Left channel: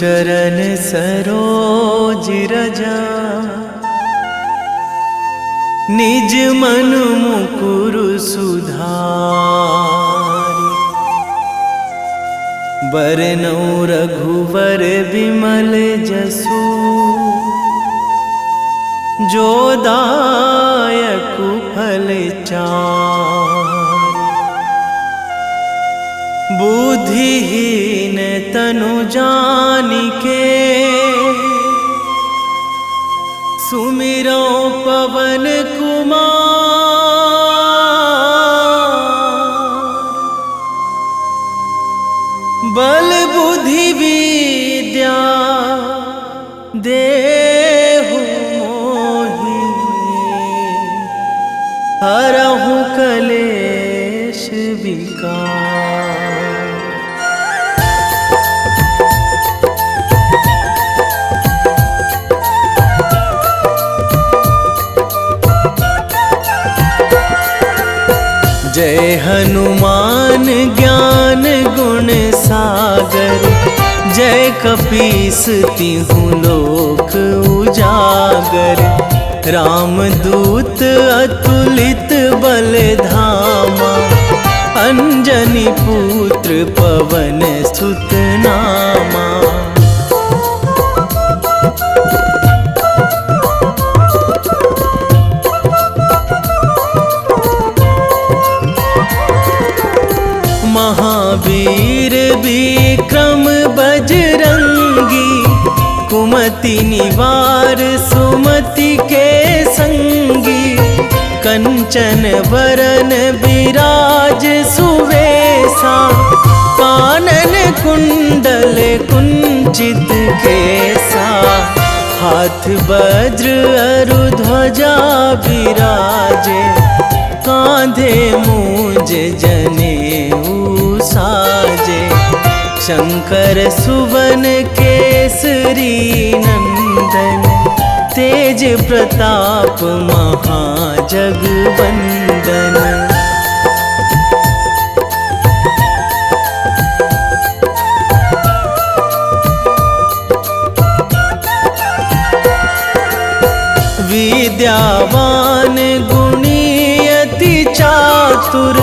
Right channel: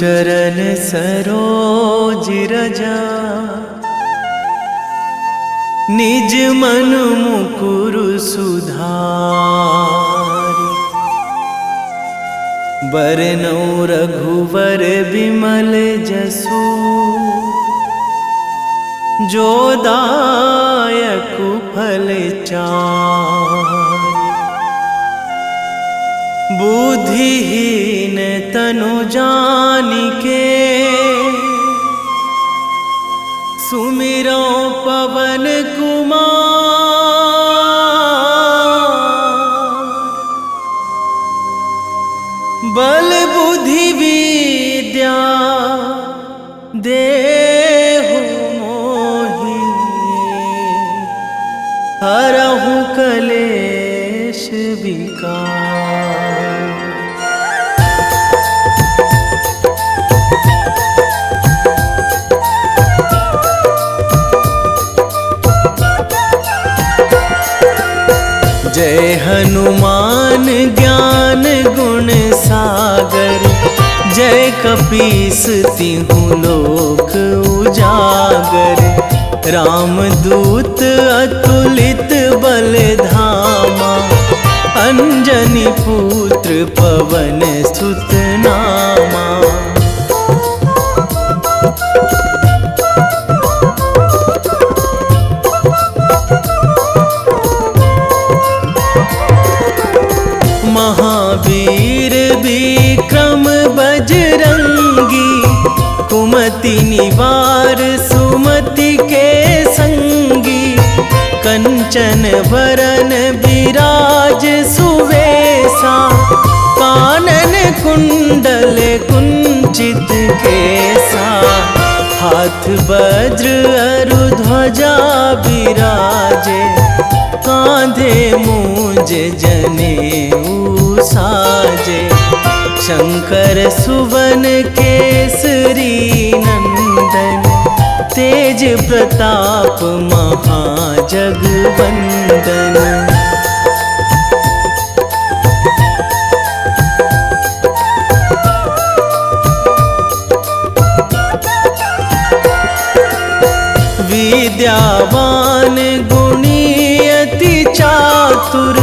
चरण सरोज रजा, निज मन मुकुर सुधारि। बरनौ रघुवर बिमल जसु, जो दायक फल चारि। बुद्धिहीन तनु जानिके, सुमिरो पवन कुमार। बल बुद्धि विद्या देहु मोहि, हरहु कलेश विकार। जय हनुमान ज्ञान गुण सागर, जय कपीस तिहुँ लोक उजागर। रामदूत अतुलित बल धामा, अंजनी पुत्र पवन सुत नामा। महावीर विक्रम बजरंगी, कुमति निवार सुमति के संगी। कंचन वरन विराज सुवेशा, कानन कुंडल कुंचित केसा। हाथ वज्र अरु ध्वजा बिराजे, कांधे मूंज जनेऊ साजे। शंकर सुवन केसरी नंदन, तेज प्रताप महाजगवंदन। विद्यावान गुणी अति चातुर,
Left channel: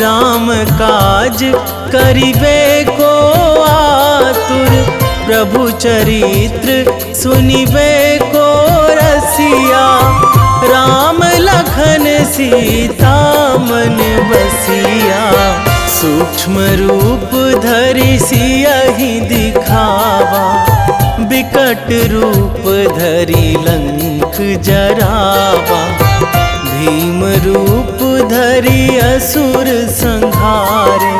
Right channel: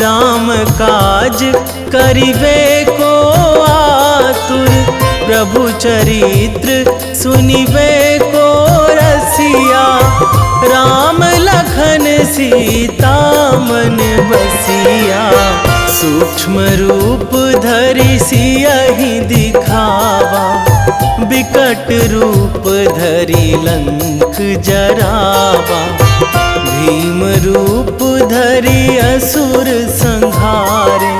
राम काज करिबे को आतुर। प्रभु चरित्र सुनिबे को रसिया, राम लखन सीता मन बसिया। सूक्ष्म रूप धरि सियहि दिखावा, बिकट रूप धरि लंक जरावा। भीम रूप धरि असुर संहारे,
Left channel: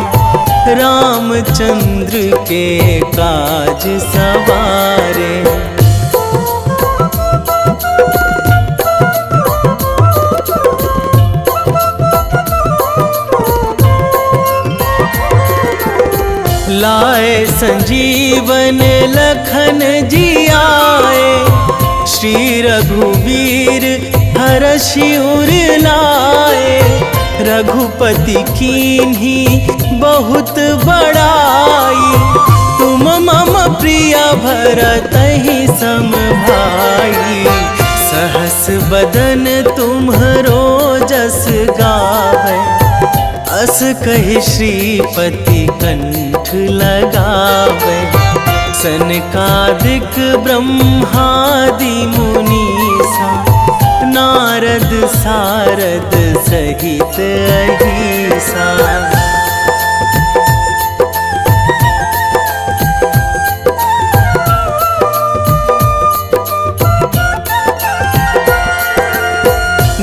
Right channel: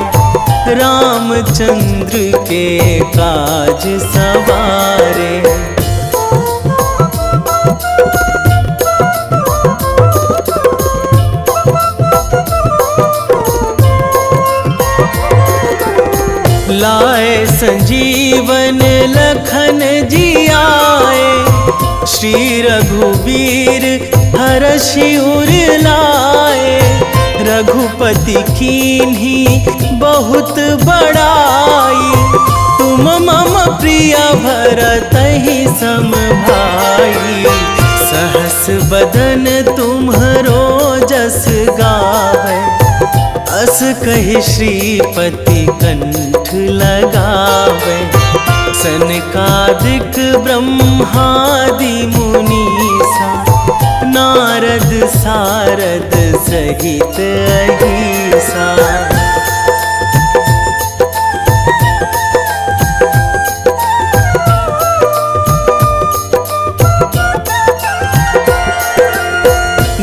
रामचंद्र के काज सवारे। लाए संजीवन लखन जियाए, श्री रघुवीर हरषि उर लाए। रघुपति कीन्ही बहुत बड़ाई, तुम मम प्रिय भरतहि सम भाई। सहस बदन तुम्हरो जस गावै, अस कहि श्रीपति कंठ लगावै। सनकादिक ब्रह्मादि मुनीसा, नारद सारद सहित अहिसा।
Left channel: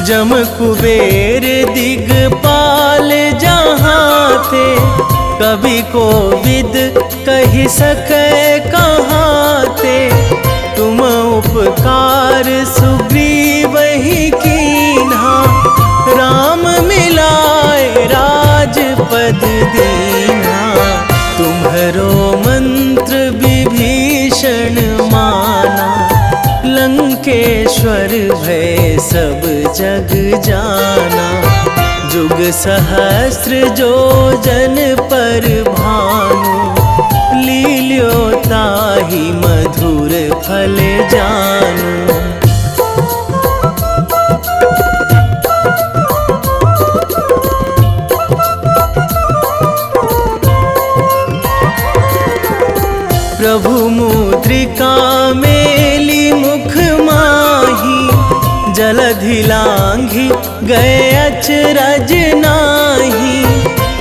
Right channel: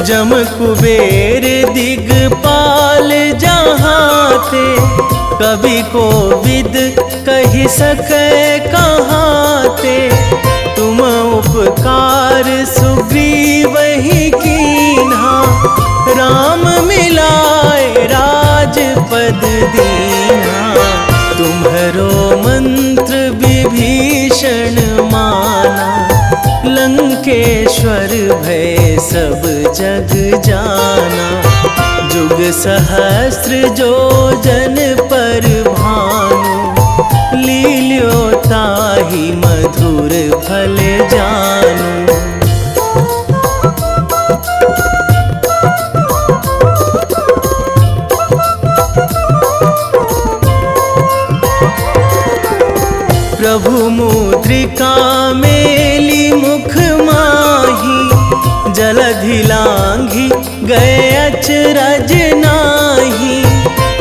जम कुबेर दिगपाल जहाँ थे, कवि कोविद कहि सकै कहाँ ते। तुम उपकार सुग्रीवहि कीन्हा, राम मिलाए राजपद दीन्हा। तुम्हरो मंत्र विभीषण माना, लंकेश्वर भय सब जग जाना। जुग सहस्र जो जन पर भानु, लील्यो ताहि मधुर फल जानू। प्रभु मुद्रिका मेली मुख माही, जलधि लांघी गए अचरज नाही।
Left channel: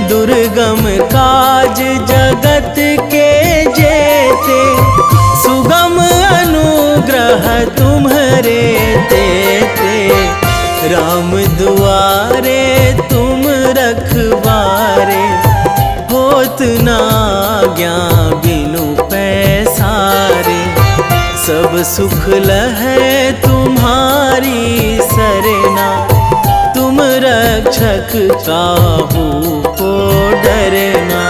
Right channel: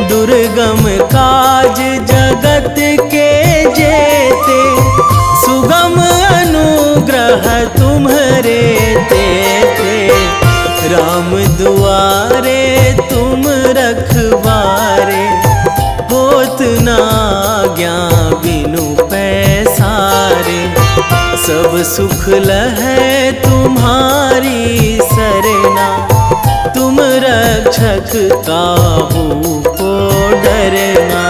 दुर्गम काज जगत के जेते, सुगम अनुग्रह तुम्हरे तेते। राम दुआरे तुम रखवारे, होत ना आज्ञा बिनु पैसारे। सब सुख लहै तुम्हारी सरना, तुम रक्षक काहू को डरना।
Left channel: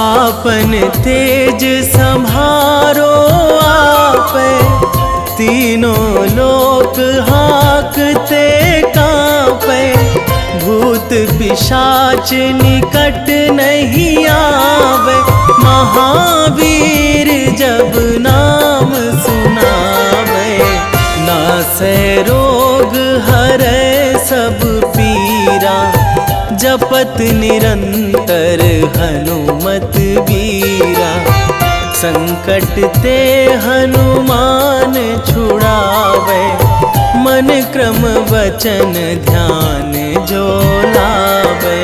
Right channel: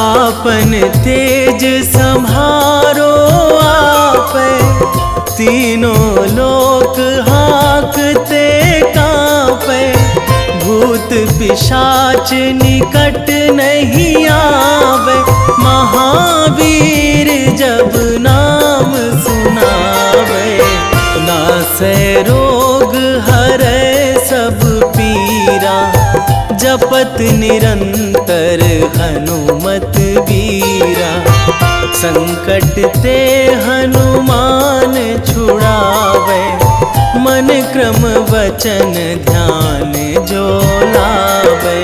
आपन तेज संभारो आपै, तीनों लोक हाकते कांपै। भूत पिशाच निकट नहीं आवे, महावीर जब नाम सुनावे। नासै रोग हरै सब पीरा, जपत निरंतर हनुमत बीरा। संकट ते हनुमान छुड़ावे, मन क्रम वचन ध्यान जो लावे।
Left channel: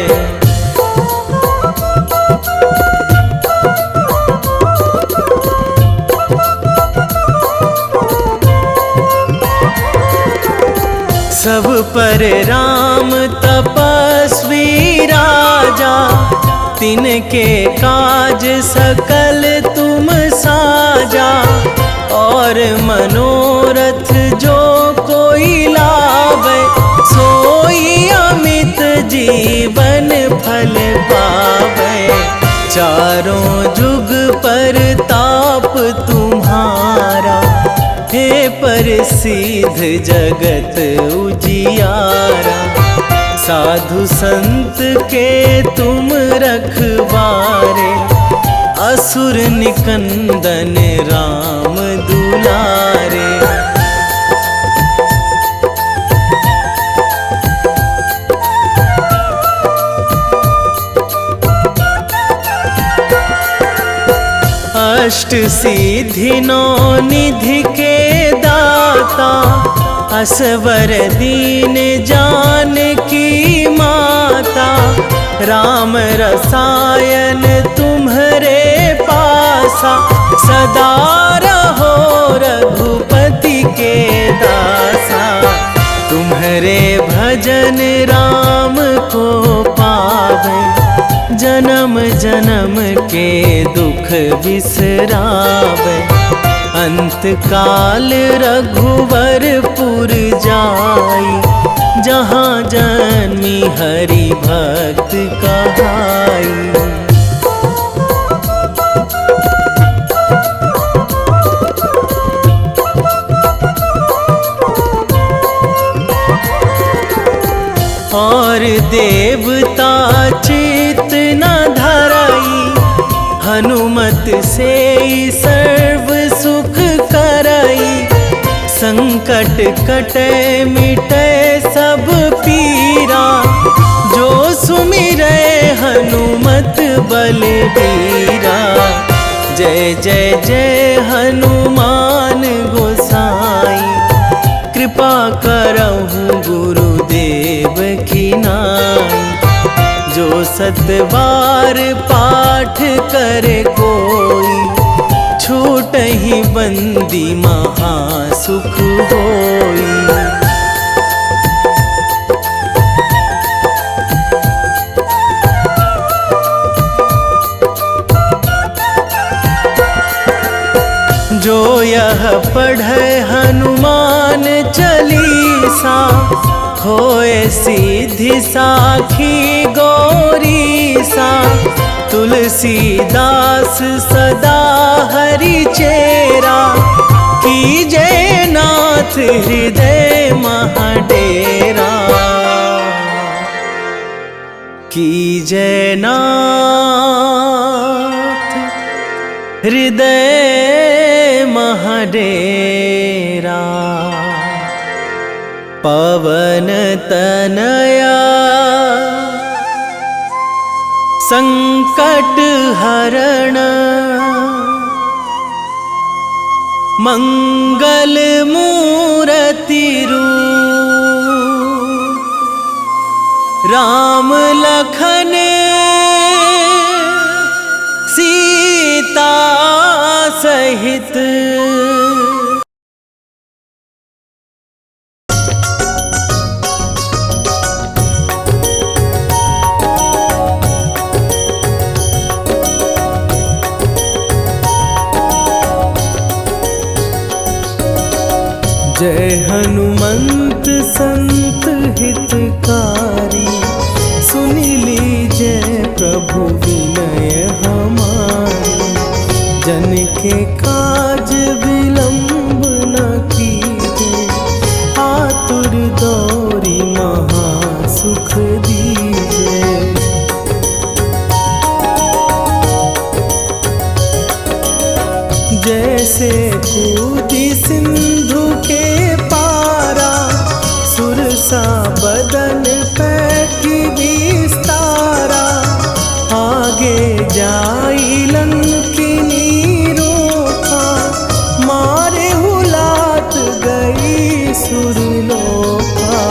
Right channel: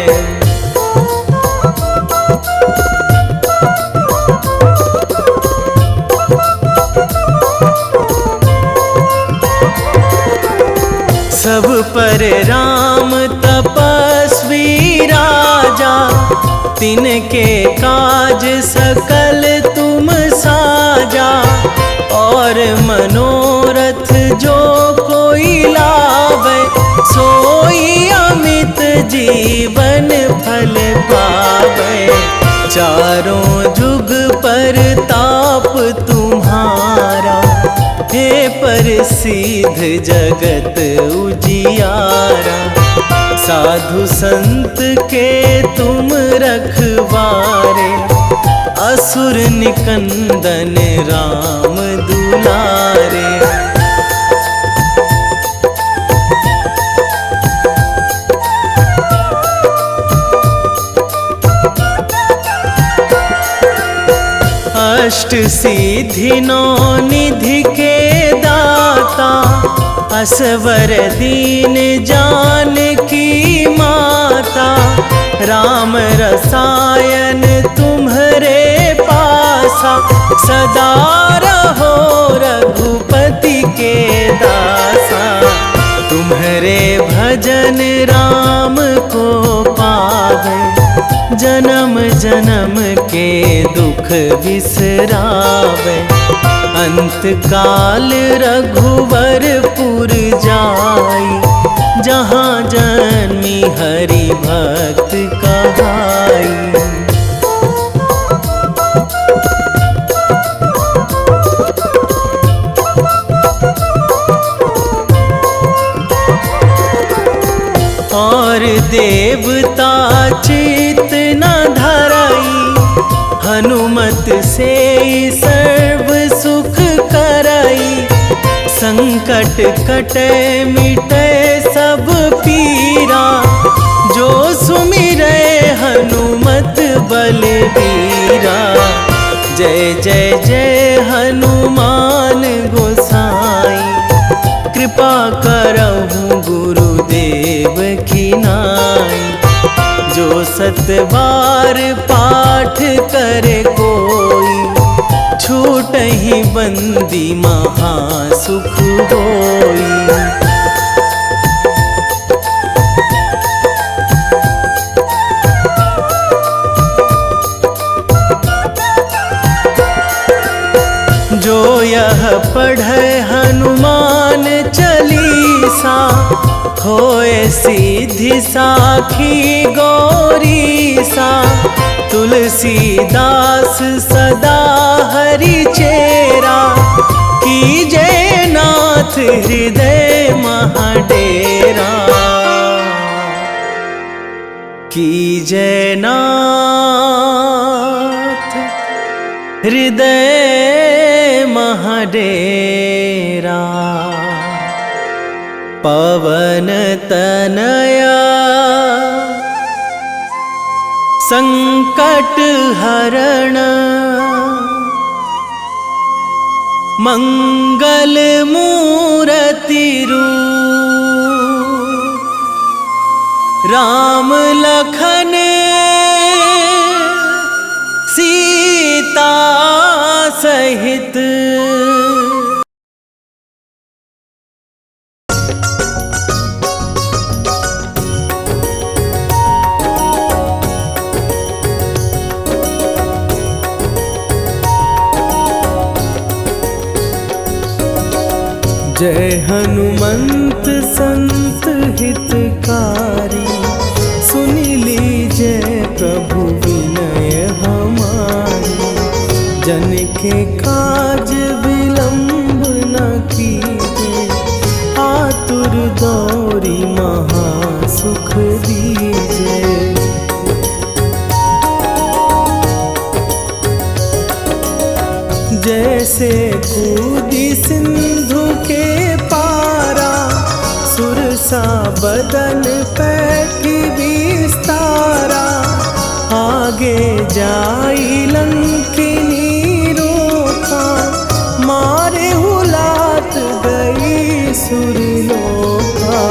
सब पर राम तपस्वी राजा, तिनके काज सकल तुम साजा। और मनोरथ जो कोई लावे, सोई अमित जीवन फल पावे। चारों जुग पर ताप तुम्हारा, हे प्रसिद्ध जगत उजियारा। साधु संत के तुम रखवारे, असुर निकंदन राम दुलारे। अष्ट सिद्धि नौ निधि के दाता, असवर दीन जानकी माता। राम रसायन तुम्हरे पासा, सदा रहो रघुपति के दासा। तुम्हरे भजन राम को पावे, जन्म जन्म के दुख बिसरावे। अंत काल रघुवरपुर जाई, जहाँ जन्मी हरि भक्त कहाई। और देवता चित न धराई, हनुमत से सर्व सुख कराई। संकट कटे मिटे सब पीरा, जो सुमिरै हनुमत बलबीरा। जय जय जय हनुमान गोसाई, कृपा करहु गुरुदेव की नाई। जो सतबार पाठ करे कोई, छूटहि बंदी महासुख होई। जो यह पढ़े हनुमान चालीसा, होए सिद्धि साखी गौरीसा। तुलसीदास सदा हरि चेरा, कीजे नाथ हृदय महाडेरा, कीजे नाथ हृदय महाडेरा। पवन तनया संकट हरण, मंगल मूर्ति रूप, राम लखन सीता सहित। जय हनुमंत संत हितकारी, सुन लीजिए प्रभु विनय हमारी। जन के काज विलंब न कीजिए, आतुर दौरी महासुख दीजिए। जैसे कूदी सिंधु के पारा, सुरसा बदन पैठी विस्तारा। आगे जाई लंकिनी रोका, मारे हुलात गई सुरलोका।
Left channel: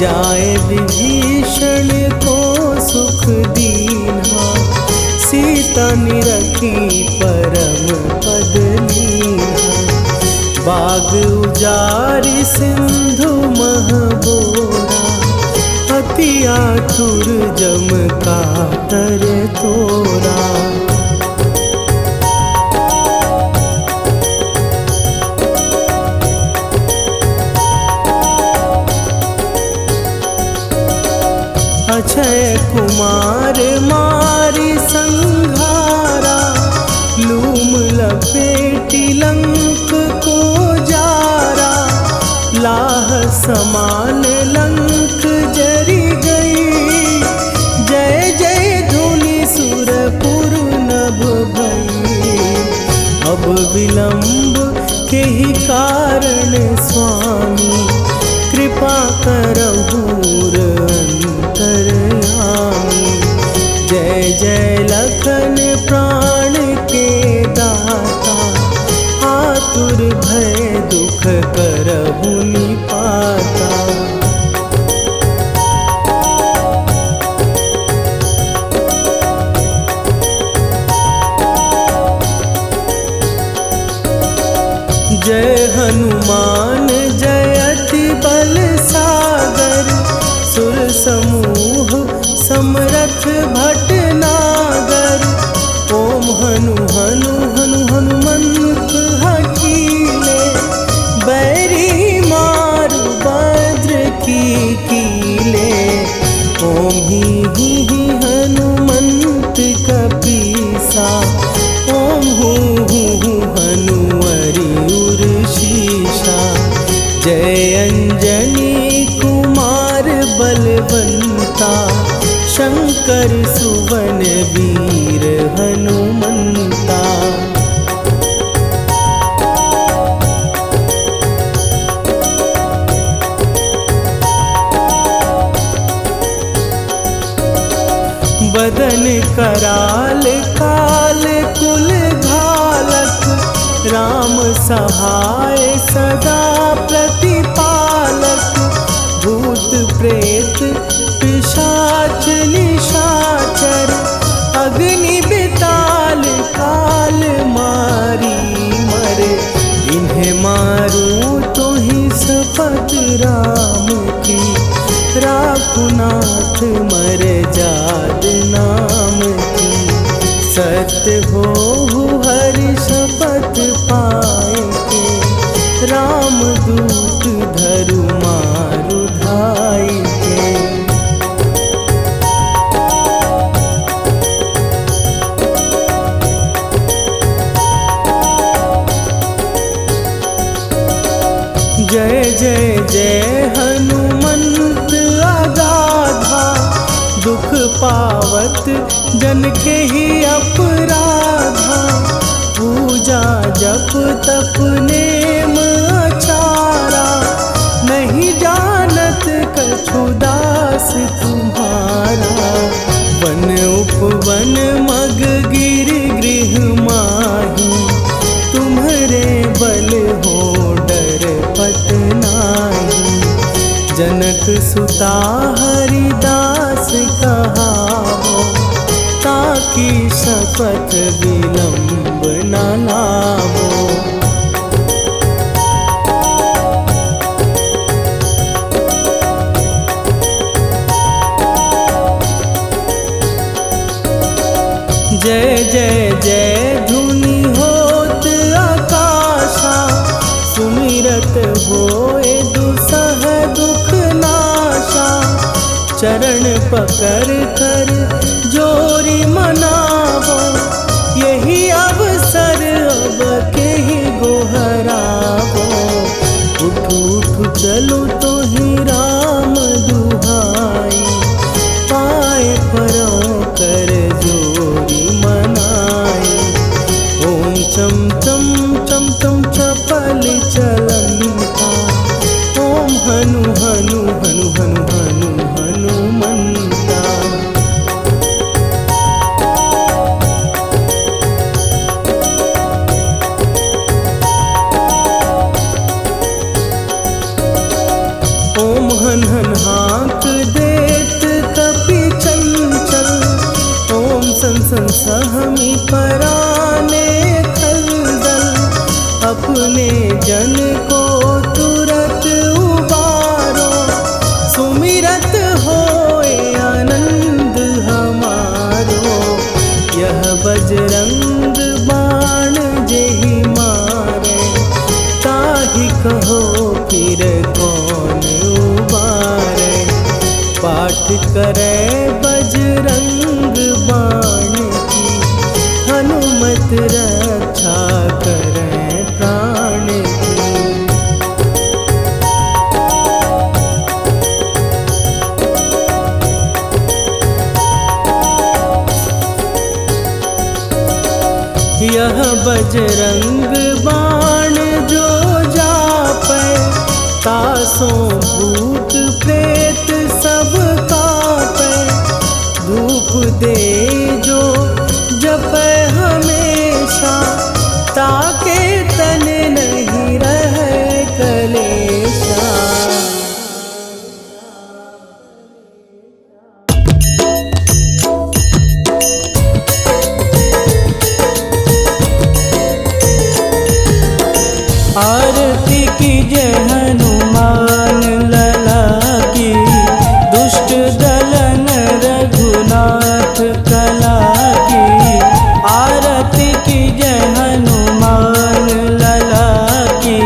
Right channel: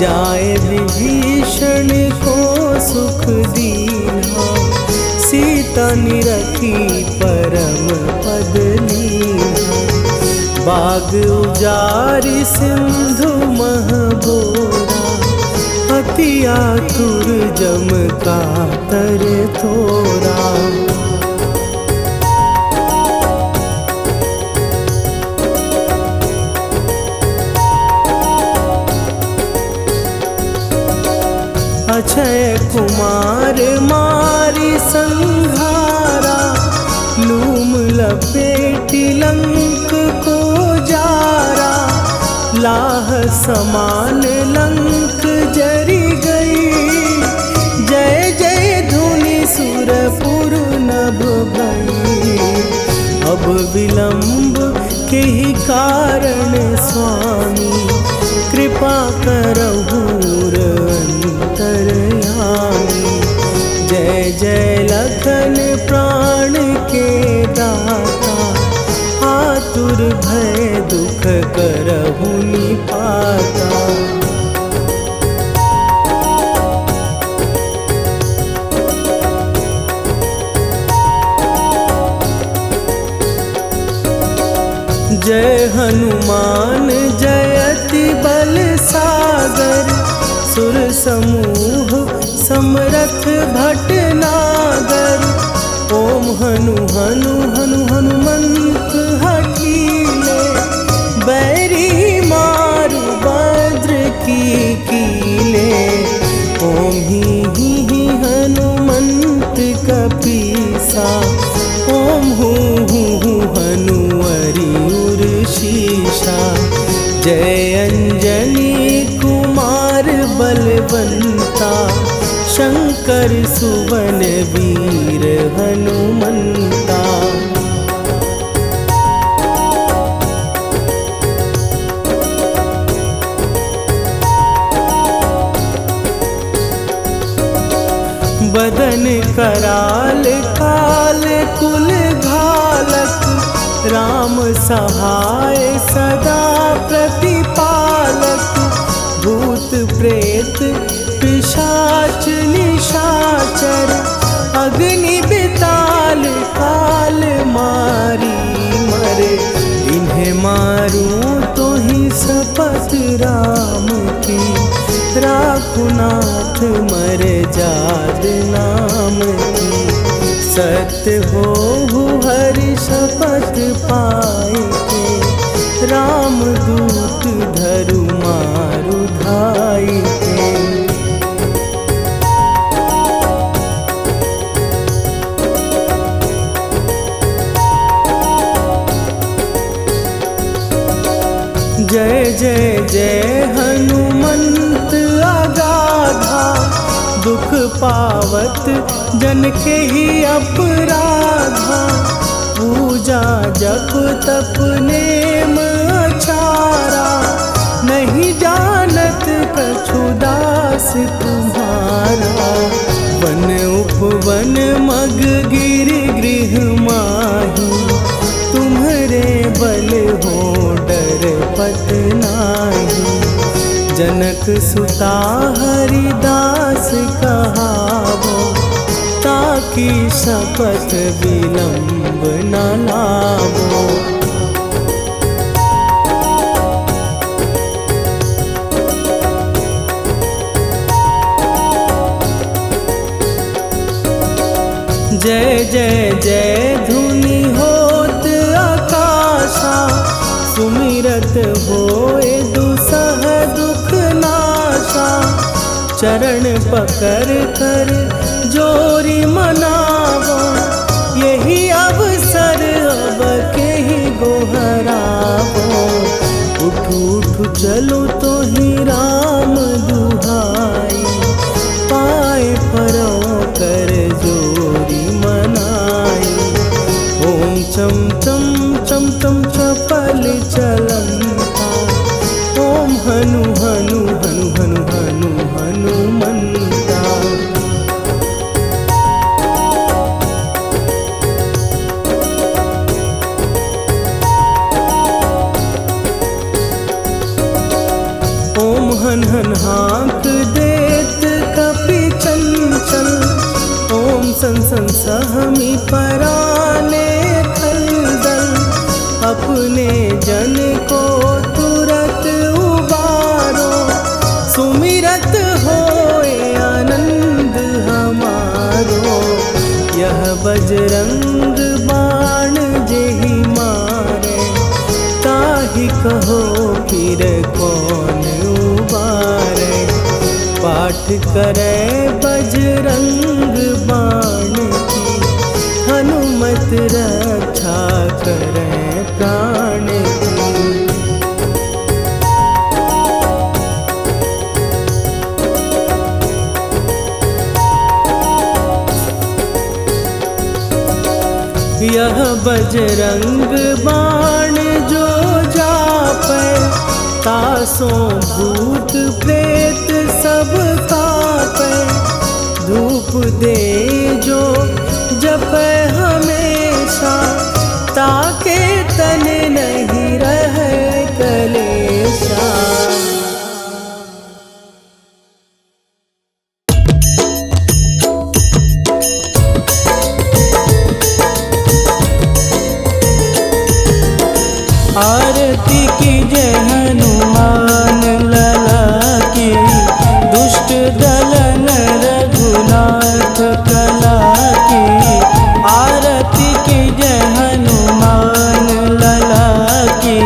जाए विभीषण को सुख दीना, सीता निरखी परम पद लीना। बाग उजारि सिंधु महबोरा, अति आतुर जम कातर तोरा। अक्षय कुमार मारी संघारा, लूम लपेटी लंक को जारा। लाह समान लंक जरी गई, जय जय धुनि सुरपुर नभ भई। अब विलंब के ही कारण स्वामी, कृपा करहु अंतरयामी। जय जय लखन प्राण के दाता, आतुर भय दुख करहु निपाता। जय हनुमान जयति बल सागर, सुर समूह समरथ भटनागर। ओम हनु हनु हनु हनुमंत हठीले, बैरी मारु भद्र की कीले। ओम ही हनुमंत कपीसा, ओम हूँ हनुवरि उर शीशा। जय अंजनी कुमार बलवंता, शंकर सुवन वीर हनुमंता। बदन कराल काल कुल घालक, राम सहाय सदा प्रतिपालक। भूत प्रेत पिशाच निशाचर, अग्नि बिताल काल मारी मरे। इन्हें मारूं तो ही शपथ राम की, राखुनाथ मर जाद नाम की। सत्य हो हरि शपथ पाए के, राम दूत धरु मारु धाई के। दुख पावत जन के ही अपराधा। पूजा जप तप नेम अचारा, नहीं जानत कछु दास तुम्हारा। वन उपवन मग गिर गृह माही, तुम्हरे बल हो डर पत नाही। जनक सुता हरिदास कहावो, ताकि शपथ विलंब न लावो। जय जय जय धुनि होत आकाशा, सुमिरत होए दुसह दुख नाशा। चरण पकड़ कर जोरी मनावो, यही अवसर अब के ही गोहरावो। उठ उठ चलो तो ही राम दुहाई, पाए परों कर जोरी मनाई। ओम चम चम चम चम चपल चलंता, ओम हनु हनु हनु हनु हनु हनुमंता। ओम हन हन हाँक देत कपि चंचल, ओम सन सन सहमी पराने खलदल। अपने जन को तुरत उबारो, सुमिरत होए आनंद हमारो। यह बजरंग बाण जेहि मारे, ताहि कहो फिर कौन उबारे। पाठ करे बजरंग बाण की, हनुमत रक्षा करे प्राण की। यह बजरंग बाण जो जापै, तासों भूत प्रेत सब कापै। धूप दे जो जपै हमेशा, ताके तन नहीं रहे कलेशा। आरती की जय हनुमान लला की, दुष्ट दलन रघुनाथ कला की। आरती की जय हनुमान लला की,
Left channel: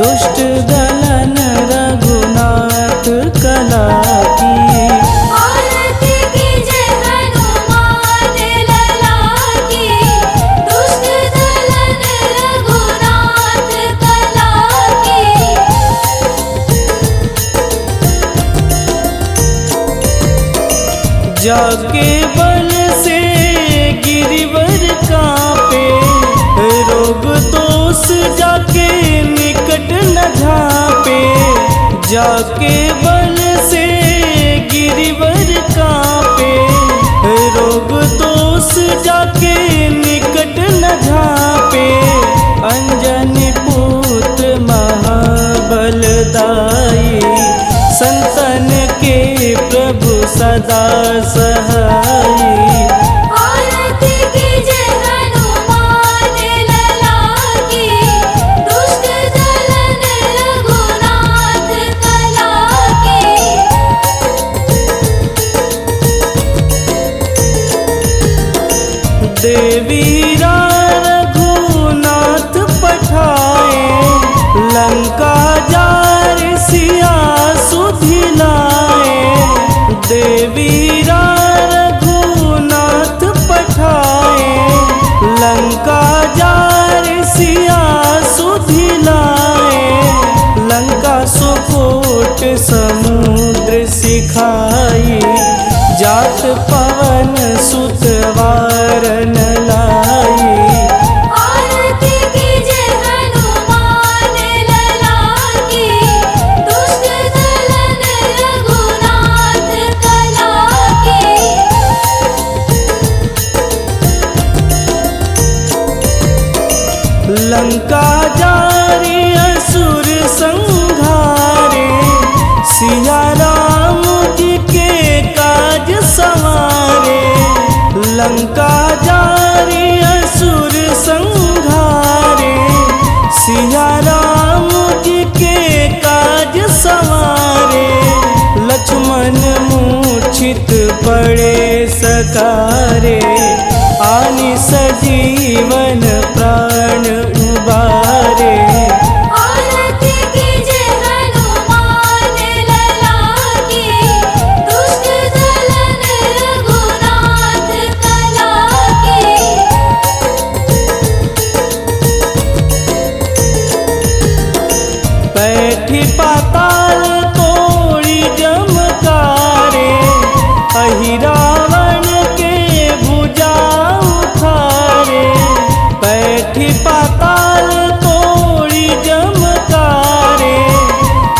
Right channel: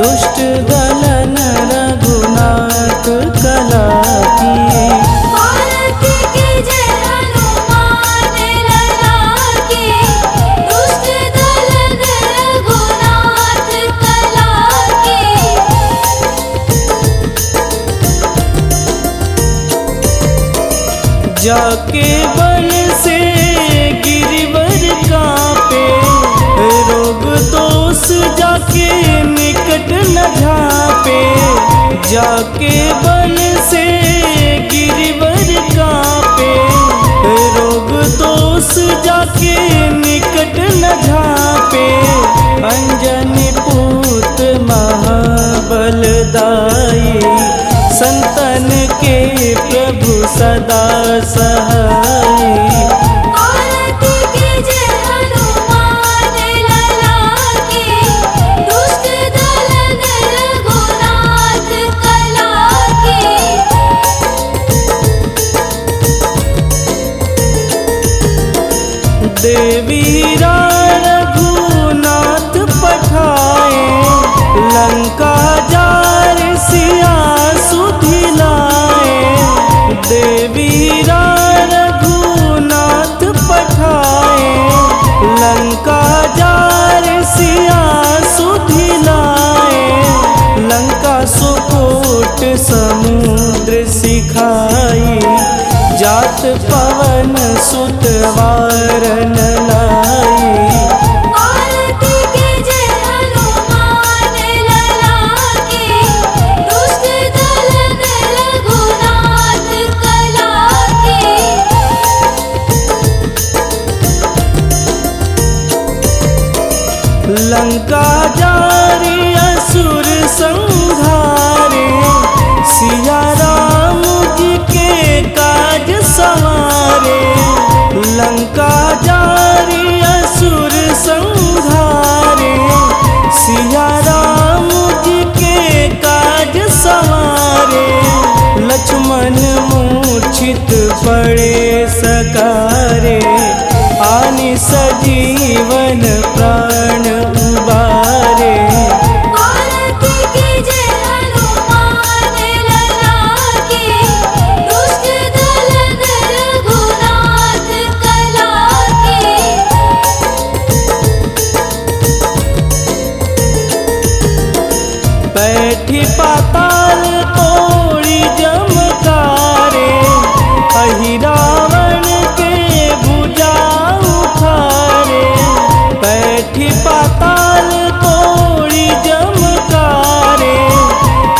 दुष्ट दलन रघुनाथ कला की। जाके बल से गिरिवर कांपे, रोग दोष जाके निकट न झांपे। जाके बल से गिरिवर कांपे, रोग दोष जाके निकट न झांपे। अंजनी पूत महाबलदाई, संतन के प्रभु सदा सहाई। आरती की जय हनुमान लला की, दुष्ट दलन रघुनाथ कला की। देवीरा रघुनाथ पठाए, लंका जार सिया सुधिलाए। देवीरा रघुनाथ पठाए, लंका जार सिया सुधिलाए। लंका सुकोट समुद्र सिखाई, जा तात पवन सुत वारन लाई। आरती कीजे हनुमान लला की, दुष्ट दलन रघुनाथ कला की। लंका जारी असुर संहारे, सिया राम जी के काज संवारे। लंका जारी असुर संहारे, सिया राम जी के काज संवारे। लक्ष्मण मूर्छित पड़े सकारे, आनि सजीवन प्राण उबारे। आरती कीजे हनुमान लला की, दुष्ट दलन रघुनाथ कला की। बैठी पाताल तोड़ी जमकारे, अहि रावण के भुजा उखारे। बैठी पाताल तोड़ी जमकारे,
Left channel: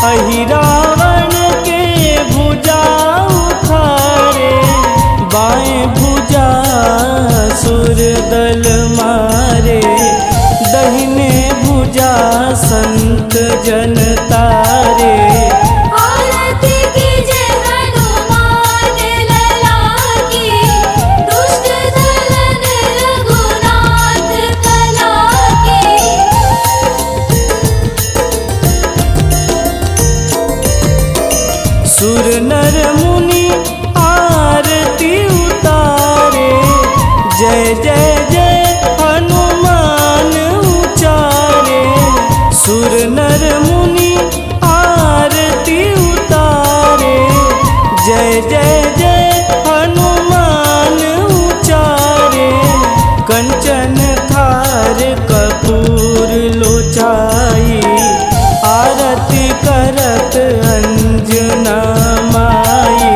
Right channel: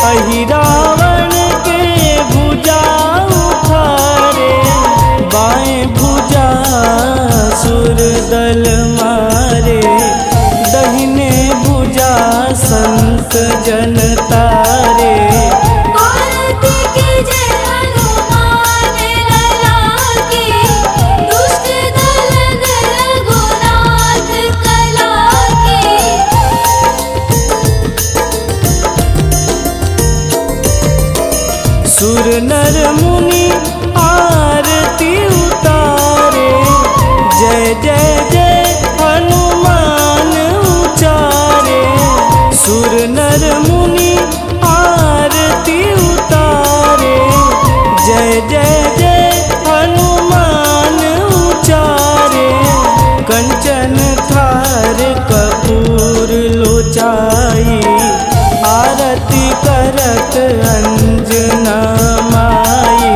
अहि रावण के भुजा उखारे। बाएं भुजा सुर दल मारे, दहिने भुजा संत जन तारे। आरती कीजे हनुमान लला की, दुष्ट दलन रघुनाथ कला की। सुर नर मुनि आरती उतारे, जय जय जय हनुमान उचारे। सुर नर मुनि आरती उतारे, जय जय जय हनुमान उचारे। कंचन थार कपूर लोचाई, आरती करत अंजना माई।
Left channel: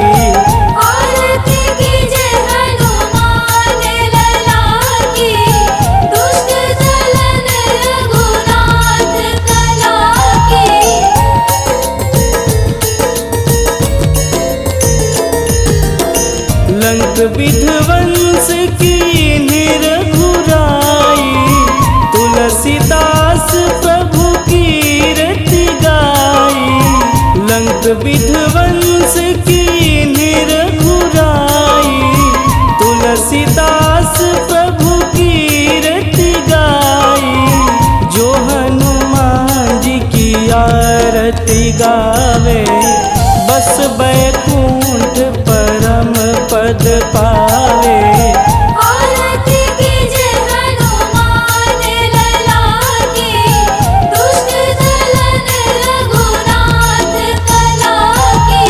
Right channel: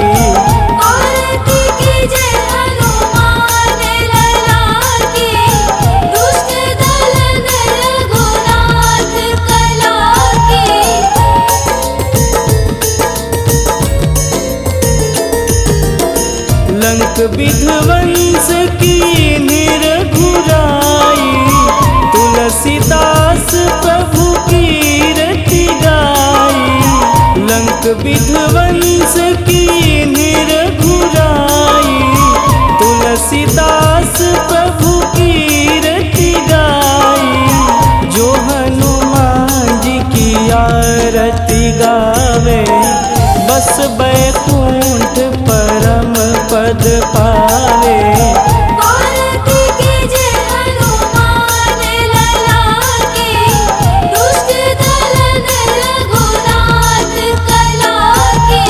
आरती कीजे हनुमान लला की, दुष्ट दलन रघुनाथ कला की। लंक विध्वंस की निरघुराई, तुलसीदास प्रभु कीरति गाई। लंक विध्वंस की निरघुराई, तुलसीदास प्रभु कीरति गाई। जो हनुमान जी की आरती गावे, बस बैकुंठ परम पद पावे। आरती कीजे हनुमान लला की, दुष्ट दलन रघुनाथ कला की।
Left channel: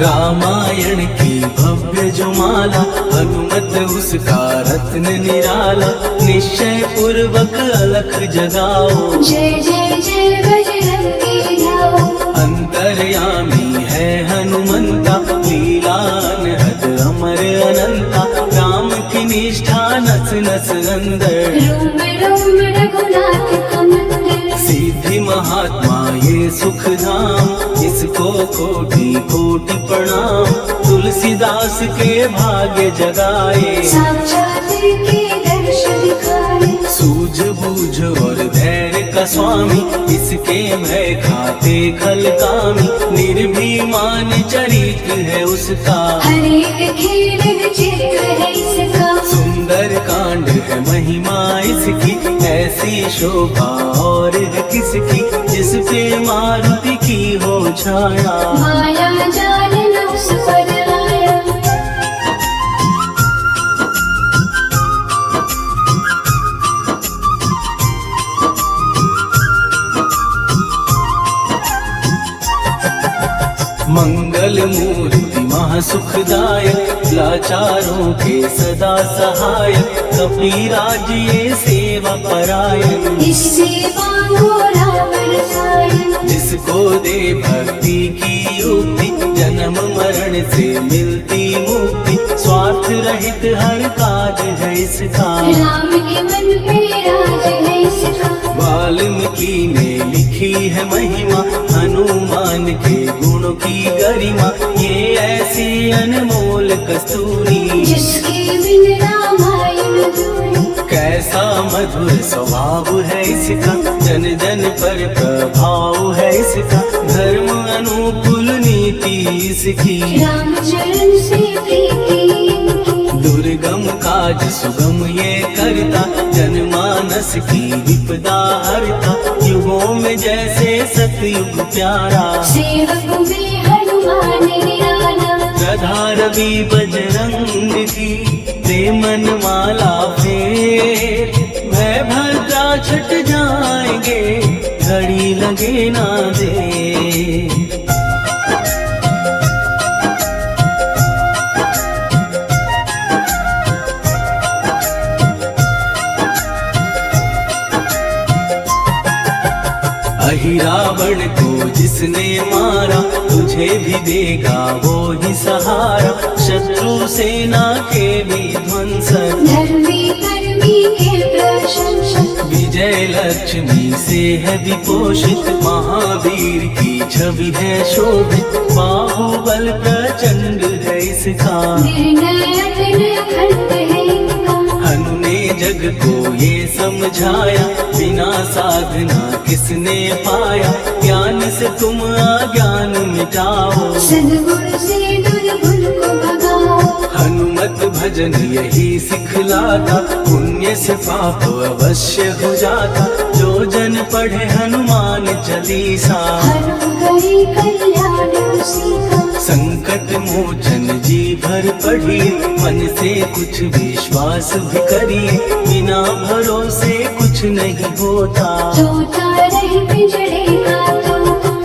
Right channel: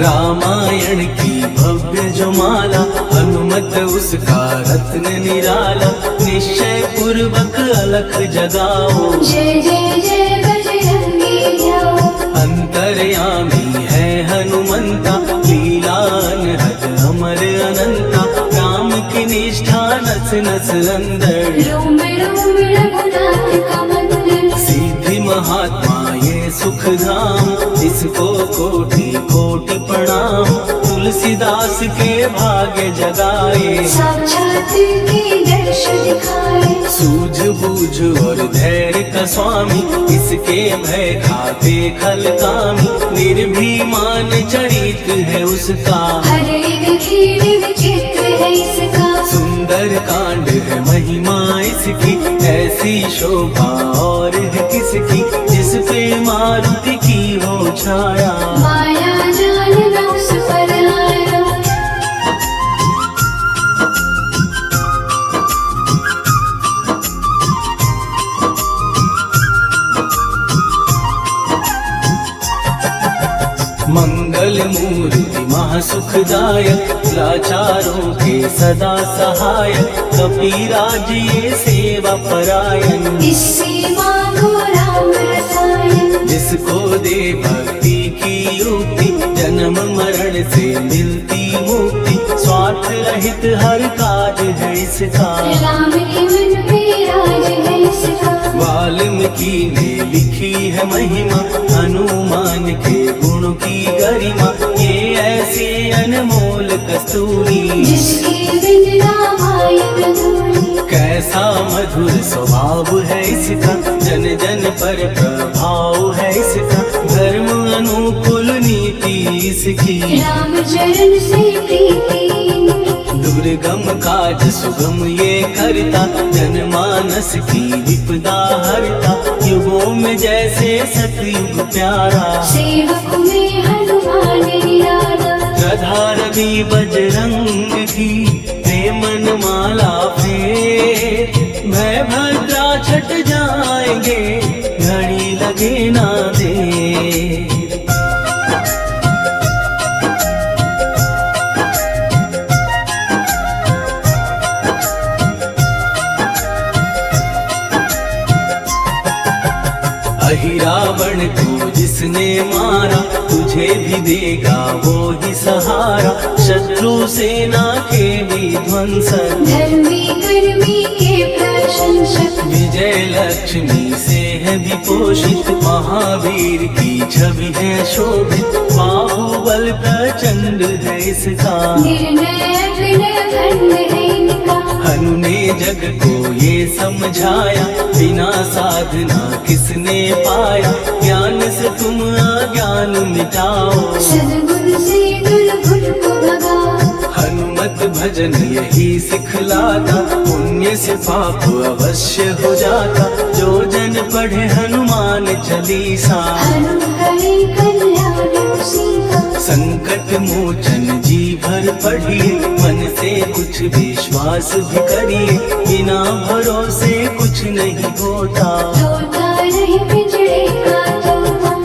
रामायण की भव्य जो माला, हनुमत उसका रत्न निराला। निश्चय पूर्वक अलख जगाओ, जय जय जय बजरंगी ध्याओ। अंतर्यामी है हनुमंता, लीला अनहद अमर अनंता। काम की निष्ठा नस नस अंदर, रोम रोम रघुनाथ का मंदिर। सिद्धि महात्मा ये सुख धाम, इसको कोटि कोटि प्रणाम। तुलसीदास के भाग्य जगाए, साक्षात के दर्श दिखाए। सूझबूझ और धैर्य का स्वामी, इसके भय खाते खल कामी। निर्भीमान चरित्र है उसका, हरे हीर विचित्र है इसका। सुंदर कांड है महिमा इसकी। ऐसी शोभा और है किसकी, जिस पे मारुति की हो छाया। माया जाल न उस पर आया। मंगल मूर्ति महासुखदायक, लाचारों के सदा सहायक, कपिराज ये सेवा परायण। इससे मांगो राम रसायन, जिसको दे भक्ति की युक्ति, जन्म मरण से मिलती मुक्ति, स्वार्थ रहित हर काज है इसका, राम के मन पे राज है इसका। वाल्मीकि ने लिखी है महिमा, हनुमान के गुण की गरिमा, ये ऐसी अनमोल कस्तूरी, जिसके बिन रामायण अधूरी। कैसा मधुर स्वभाव है इसका, जन जन पर प्रभाव है इसका, धर्म अनुकूल नीति इसकी, राम चरण से प्रीति इनकी। दुर्गम काज सुगम ये करता, जनमानस की विपदा हरता, युगों में जैसे सतयुग प्यारा, सेवक में हनुमान निराला। राधा रवि बजरंग की प्रेमन माला फेर, भय भद्रा छट जाएंगे, घड़ी लगे ना देर। रावण को जिसने मारा, तुझे भी देगा वो ही सहारा, शत्रु सेना के विध्वंसक, धर्मी कर्मी के प्रशंसक। विजय लक्ष्मी से है विपोषित, महावीर की छवि है शोभित, बाहुबल प्रचंड है इसका, निर्णायक अखंड है इनका। हनु ने जग को ये समझाया, बिना साधना किसने पाया, ज्ञान से तुम अज्ञान मिटाओ, सद्गुण से दुर्गुण को भगाओ। हनुमत भजन यही सिखलाता, पुण्य से पाप अवश्य हो जाता, जो जन पढ़े हनुमान चालीसा, हरि कल्याण सीता। संकट मोचन जी भर पढ़िए, मन से कुछ विश्वास भी करिए, बिना भरोसे कुछ नहीं होता, तोता रहे पिंजड़े का तोता।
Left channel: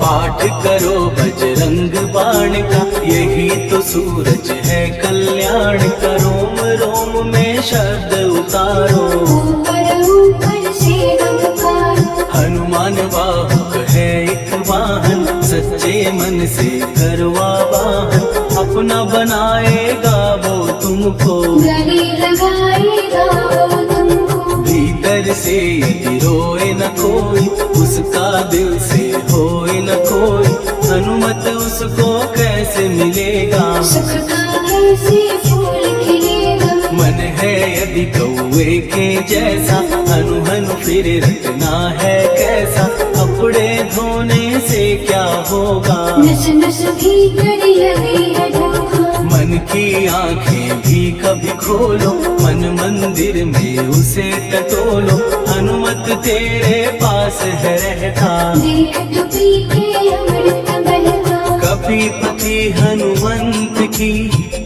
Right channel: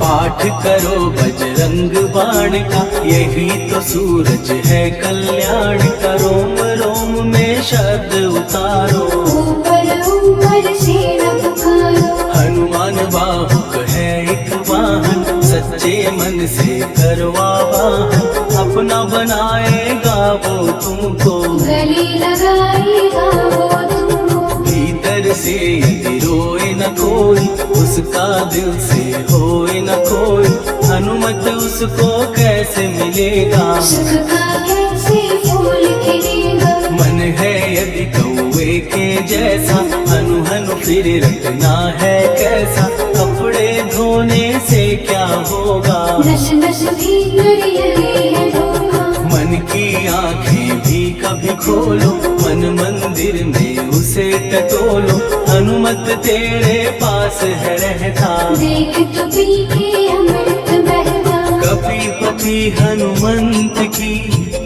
पाठ करो बजरंग बाण का, यही तो सूरज है कल्याण का, रोम रोम में शब्द उतारो, ऊपर ऊपर से न पुकारो। हनुमान बाहुक है एक वाहन, सच्चे मन से करवा वाहन, अपना बनाएगा वो तुमको, गले लगाएगा वो तुमको। भीतर से यदि रोए न कोई, उसका दिल से होए न कोई, हनुमत उसको कैसे मिलेगा, सुख का कैसे फूल खिलेगा। मन है यदि कौवे के जैसा, हनु हनु फिर रखना है कैसा, कपड़े धोने से क्या होगा, नस नस भीतर लगी है धोखा। मन की आंखें भी कभी खोलो, मन मंदिर में उसे टटोलो, हनुमत तेरे पास है रहता, देख तो पी के अमृत बहता। कभी पति हनुमंत की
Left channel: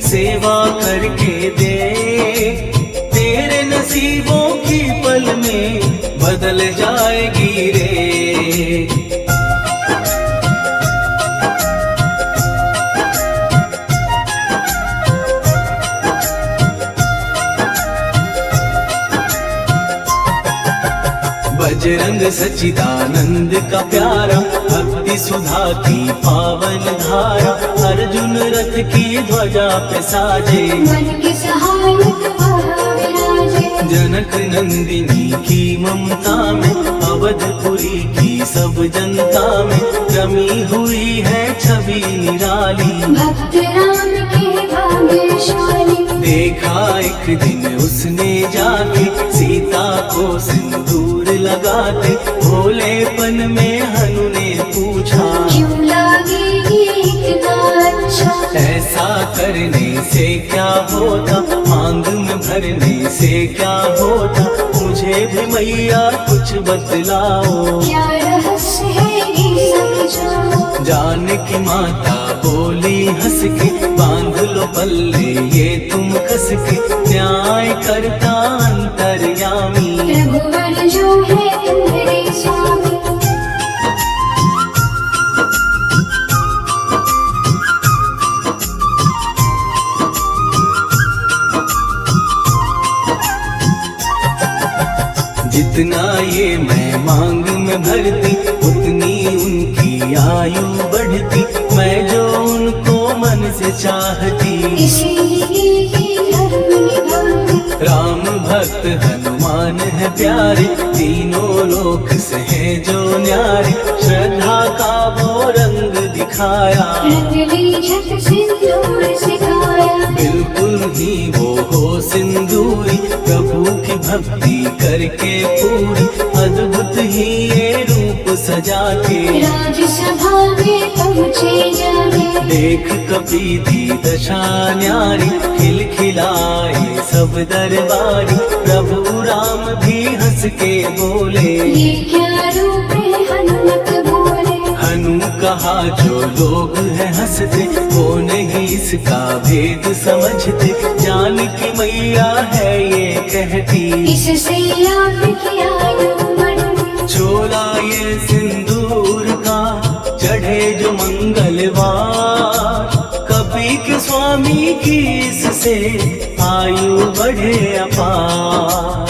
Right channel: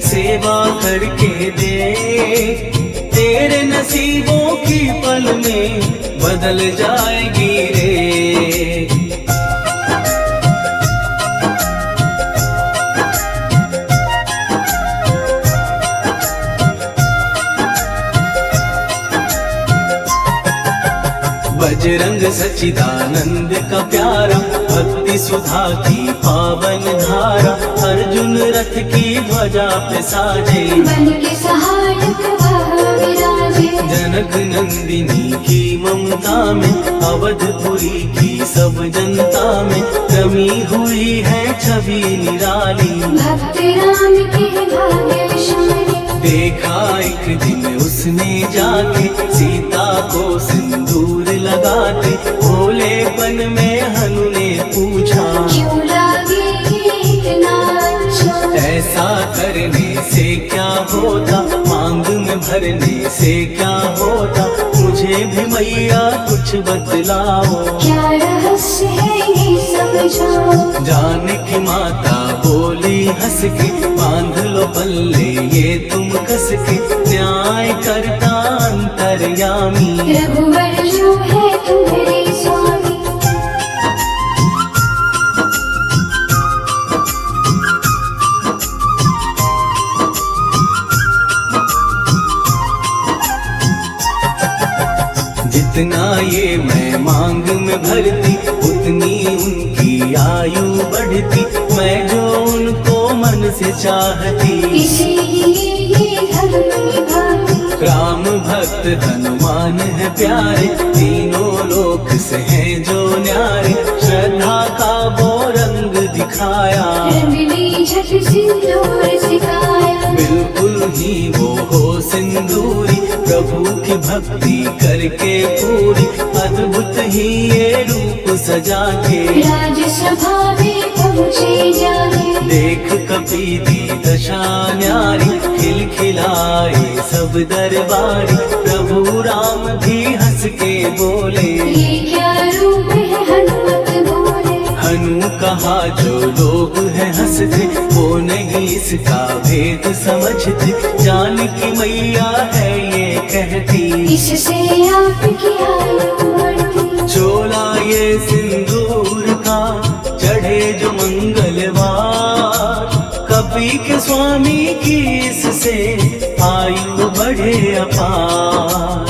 सेवा करके दे, तेरे नसीबों की पल में बदल जाएगी रे। बजरंग सच्चिदानंद का प्यारा, भक्ति सुधा की पावन धारा, अर्जुन रथ की ध्वजा पे साजे, मन के सहायक वह विराजे। जनक नंदिनी की ममता में, अवधपुरी की सब जनता में, रमी हुई है छवि निराली, भक्त राम के भाग्यशाली। देखा एक दिन उसने जाके, सीता को सिंदूर लगाते, भोलेपन में हनु ने पूछा, क्यों लागे ये इतना अच्छा। ऐसा करने से क्या होता, मांग में भरने से क्या होता, मुझे भी मैया कुछ बतलाओ, क्या रहस्य है ये समझाओ। जानकी माता बोली हंस के, बांध लो पल्ले ये तुम कस के, न्याय करता अंतर्यामी। रघुवर जो है तुम्हारे स्वामी। जितना ये मैं मांग में भरती, उतनी उनकी आयु बढ़ती। मैं जो उनको मन से चाहती, इसीलिए धर्म निभाती। राम भक्त हनुमान है प्यारे, तीनों लोक से हैं जो न्यारे। श्रद्धा का वो रंग दिखाया, रंग ली झट सिंदूर सिखाया। बिल्कुल ही वो हो सिंदूरी, प्रभु की भक्ति करके पूरी। अद्भुत ही ये रूप सजा के, राजसभा में पहुँचे जाने। देख कपी दी दशा न्यारी, खिलखिलाए सब दरबारी। प्रभु राम भी हंस के बोले, ये क्या रूप है हनुमत बोले। हनु कहा जो लोग हैं हंसते, वो नहीं इसका भेद समझते। जान की मैया है ये कहती, इससे आपकी आयु बढ़ती। चोला ये सिंदूर का चढ़े जो मंगलवार। कपी के स्वामी की इससे आयु बढ़े अपार।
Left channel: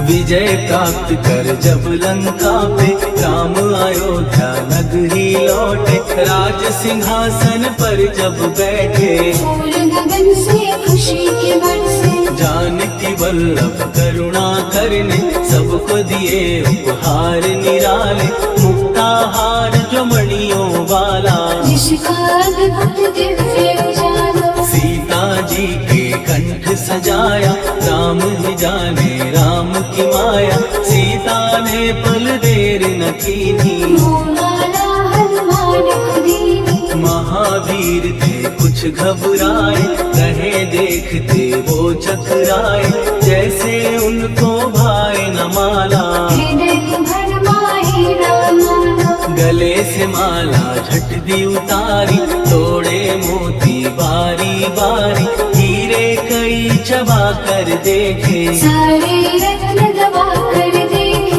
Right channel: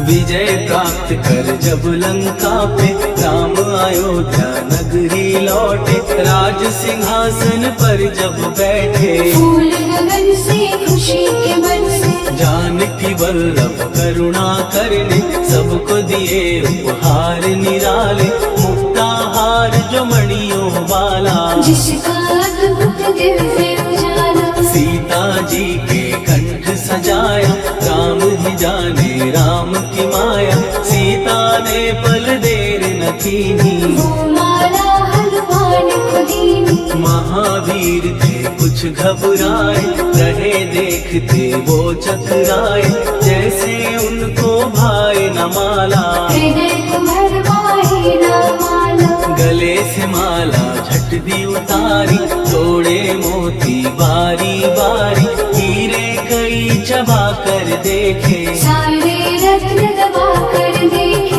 विजय प्राप्त कर जब लंका पे, राम अयोध्या नगरी लौटे। राज सिंहासन पर जब बैठे, फूल गगन से खुशी के मन से। जानकी वल्लभ करुणा करने, सबको दिए उपहार निराले। मुक्ताहार जो मणियों वाला, जिसका अद्भुत दिव्य उजाला। सीता जी के कंठ सजाया। राम ही जाने राम की माया, सीता ने पल देर न कीनी। वो माला हनुमान खुदीनी। महावीर थे कुछ घबराए, रहे देखते वो चकराए। जैसे उनको भाई न माला, हृदय को भरमाए ना माला। गले से माला झट दी उतारी। तोड़े मोती बारी बारी, हीरे कई चबा कर देखे। सारे रत्न दबा कर देखे।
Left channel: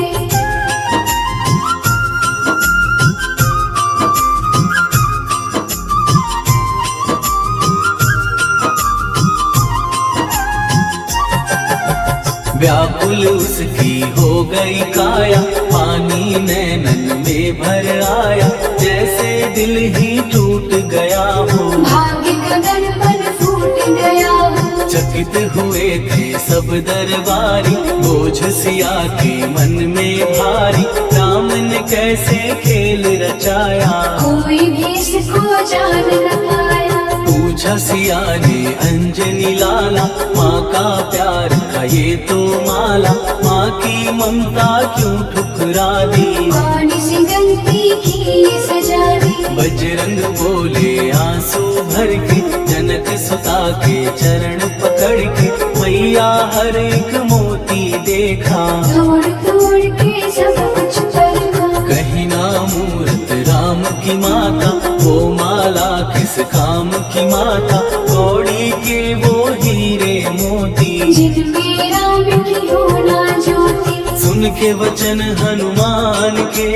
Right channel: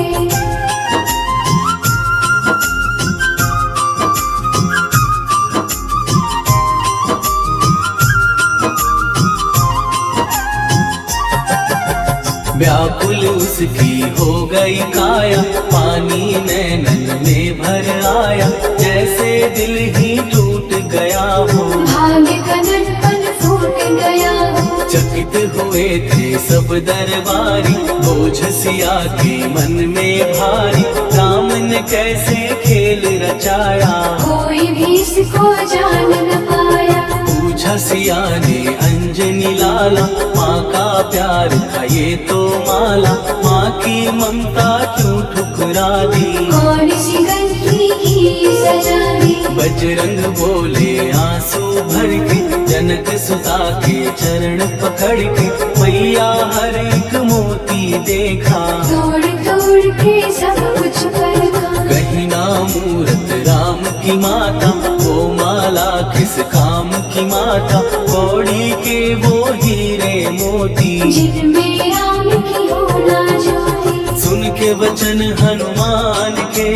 व्याकुल उसकी हो गई काया, पानी नैनन में भर आया। जैसे दिल ही टूट गया हो, भाग्य का दर्पण फूट गया हो। चकित हुए थे सब दरबारी। बोझ सिया के मन में भारी, राम ने कैसे खेल रचाया। कोई भी इसको जान न पाया। पूछा सिया ने अंजनी लाला, माँ का प्यार था ये तो माला। माँ की ममता क्यों ठुकरा दी, कौन सी गलती की सजा दी। बजरंग बोले आंसू भर के, जनक सुता के चरण पकड़ के। मैया हर एक मोती देखा, तोड़ तोड़ के सब कुछ परखा। कहीं ना मूरत राम की माता, वो माला किस काम की माता। कौड़ी के वो हीरे मोती, जिनमें राम की होना ज्योति। सुन के वचन हनुमान के,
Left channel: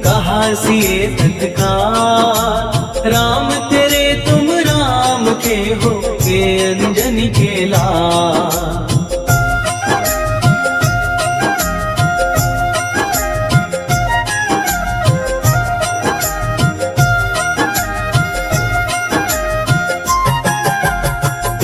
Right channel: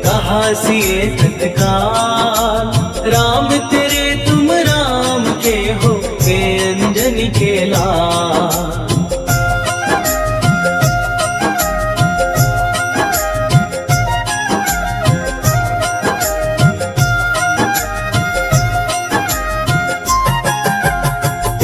कहा सिए तत्काल। राम तेरे तुम राम के हो, के अंजनी के लाल।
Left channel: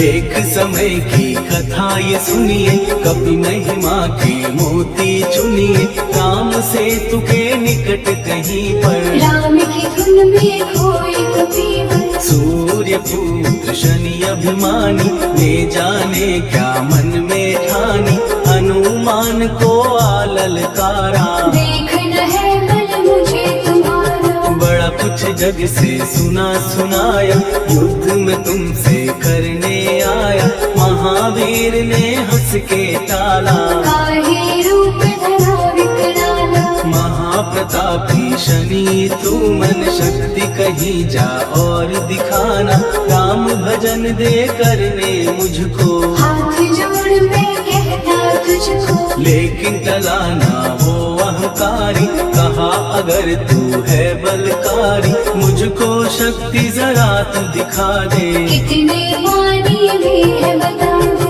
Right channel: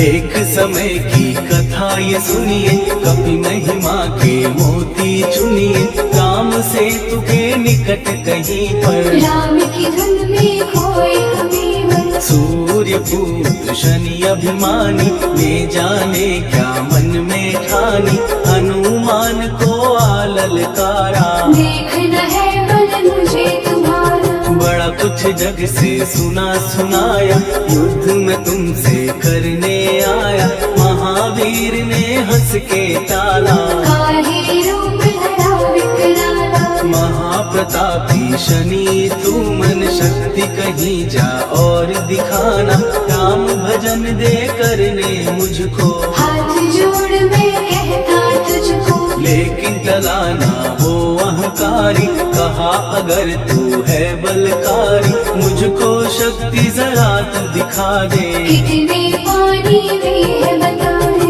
एक समय की कथा ये सुनिए, कभी महिमा के मोती चुनिए। राम से तुके निकट कहीं पर, राम की धुन में खोए कभी मन। सूर्य पुत्र शनि अभिमानी, ये जाने क्या मन में ठानी। हनुमान को आललकारा, देखना है मन मुझे तुम्हारा। बड़ा कुछ जग से सुना सुनाया, युद्ध में तुमसे करने आया। महावीर ने ने हंस के टाला। काहे रूप धरा विकराला, महाप्रतापी शनि तू मन शक्ति कहीं जा और दिखाना। राम भजन दे करने मुझको, हाथ जोड़ मैं कहता तुझको। लेकिन टला ना हो अहंकारी, कहा अगर तू है बलकारी। मुझको शक्ति जरा तू दिखा दे, कितने पानी भी है बता दे।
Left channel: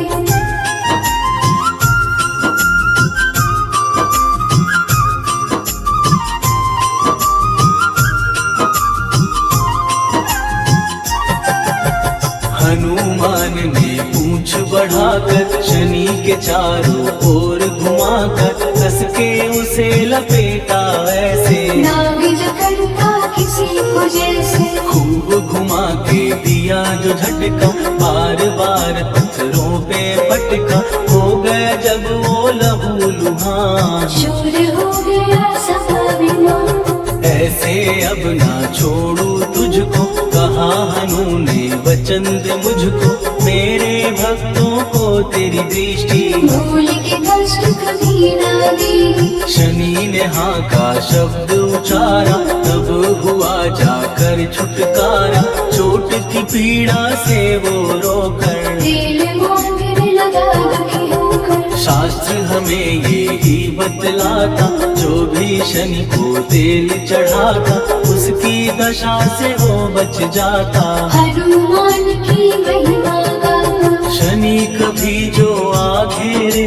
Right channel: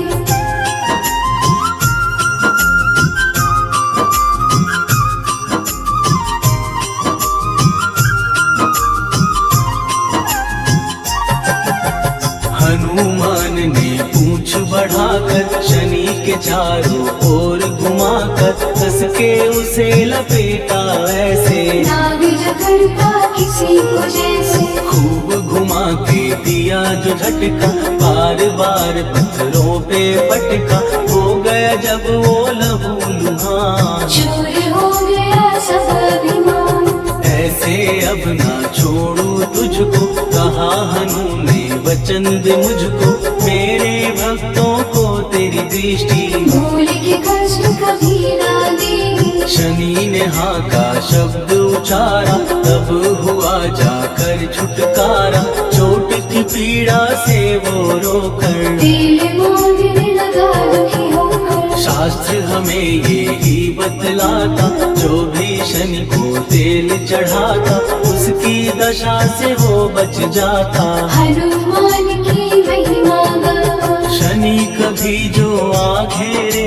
हनुमान ने पूंछ बढ़ाकर शनि के चारों ओर घुमाकर कस के उसे लपेटा ऐसे। नाग जकड़ता किसी को जैसे, खूब घुमा के दिया जो झटका, बार बार पत्थरों पे पटका। हो गए जब वो लहू लुहान, चूर हो गया सब अभिमान। ऐसे अब ना छोड़ू तुझको, कहा हनु ने वचन दे मुझको। मेरे भक्तों को तेरी दृष्टि, भूल के कष्ट कभी ना देगी। शनि ने हाँ का शब्द उचारा, तब हुआ जाकर छुटकारा। चोट की पीड़ा से वो रोकर, दिल मांगने लगा दुखी होकर। शास्त्र हमें ये ही बतलाता, जो भी शनि को तेल चढ़ाता उसकी दशा से वो बच जाता। हनुमान की महिमा गाता, शनि कभी जो आ घेरे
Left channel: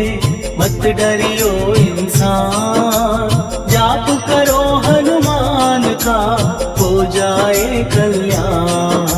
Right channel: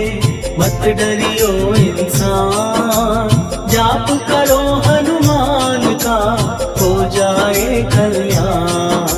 मत डरियो इंसान। जाप करो हनुमान का हो जाए कल्याण।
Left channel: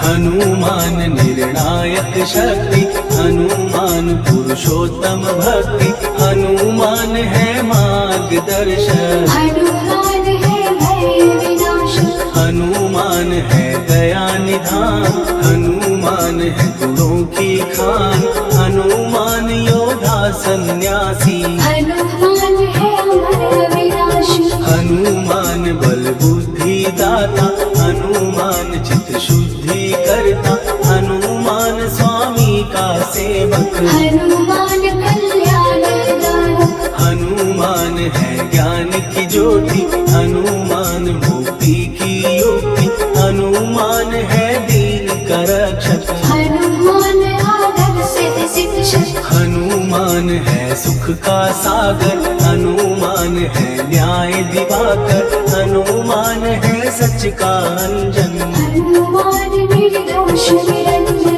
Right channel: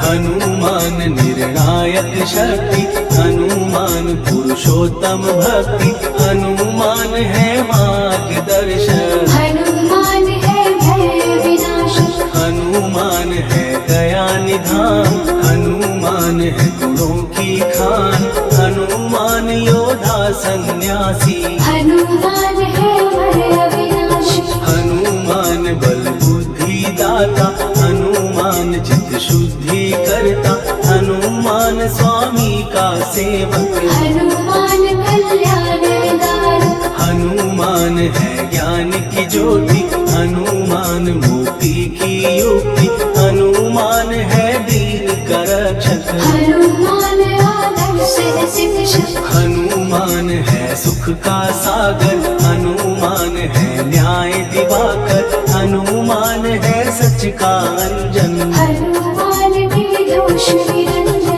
हनुमान निर्णायक शक्ति, हनुमान पुरुषोत्तम भक्ति। हनुमान है मार्गदर्शन, हनुमान है भय विनाशक। हनुमान है दया निधान। हनुमान है गुणों की खान, हनुमान योद्धा सन्यासी। हनुमान है भय विनाशक, हनुमान बल बुद्धि दाता, हनुमान चित्त शुद्धि करता। हनुमान स्वामी का सेवक, हनुमान कल्याणदान। हनुमान है ज्ञान की ज्योति। हनुमान मुक्ति की युक्ति, हनुमान है दीन का रक्षक। हनुमान आदर्श है शिक्षक, हनुमान है सुख का सागर। हनुमान है न्याय दिवाकर, हनुमान है सच का अंजन। हनुमान निर्दोष निरंजन।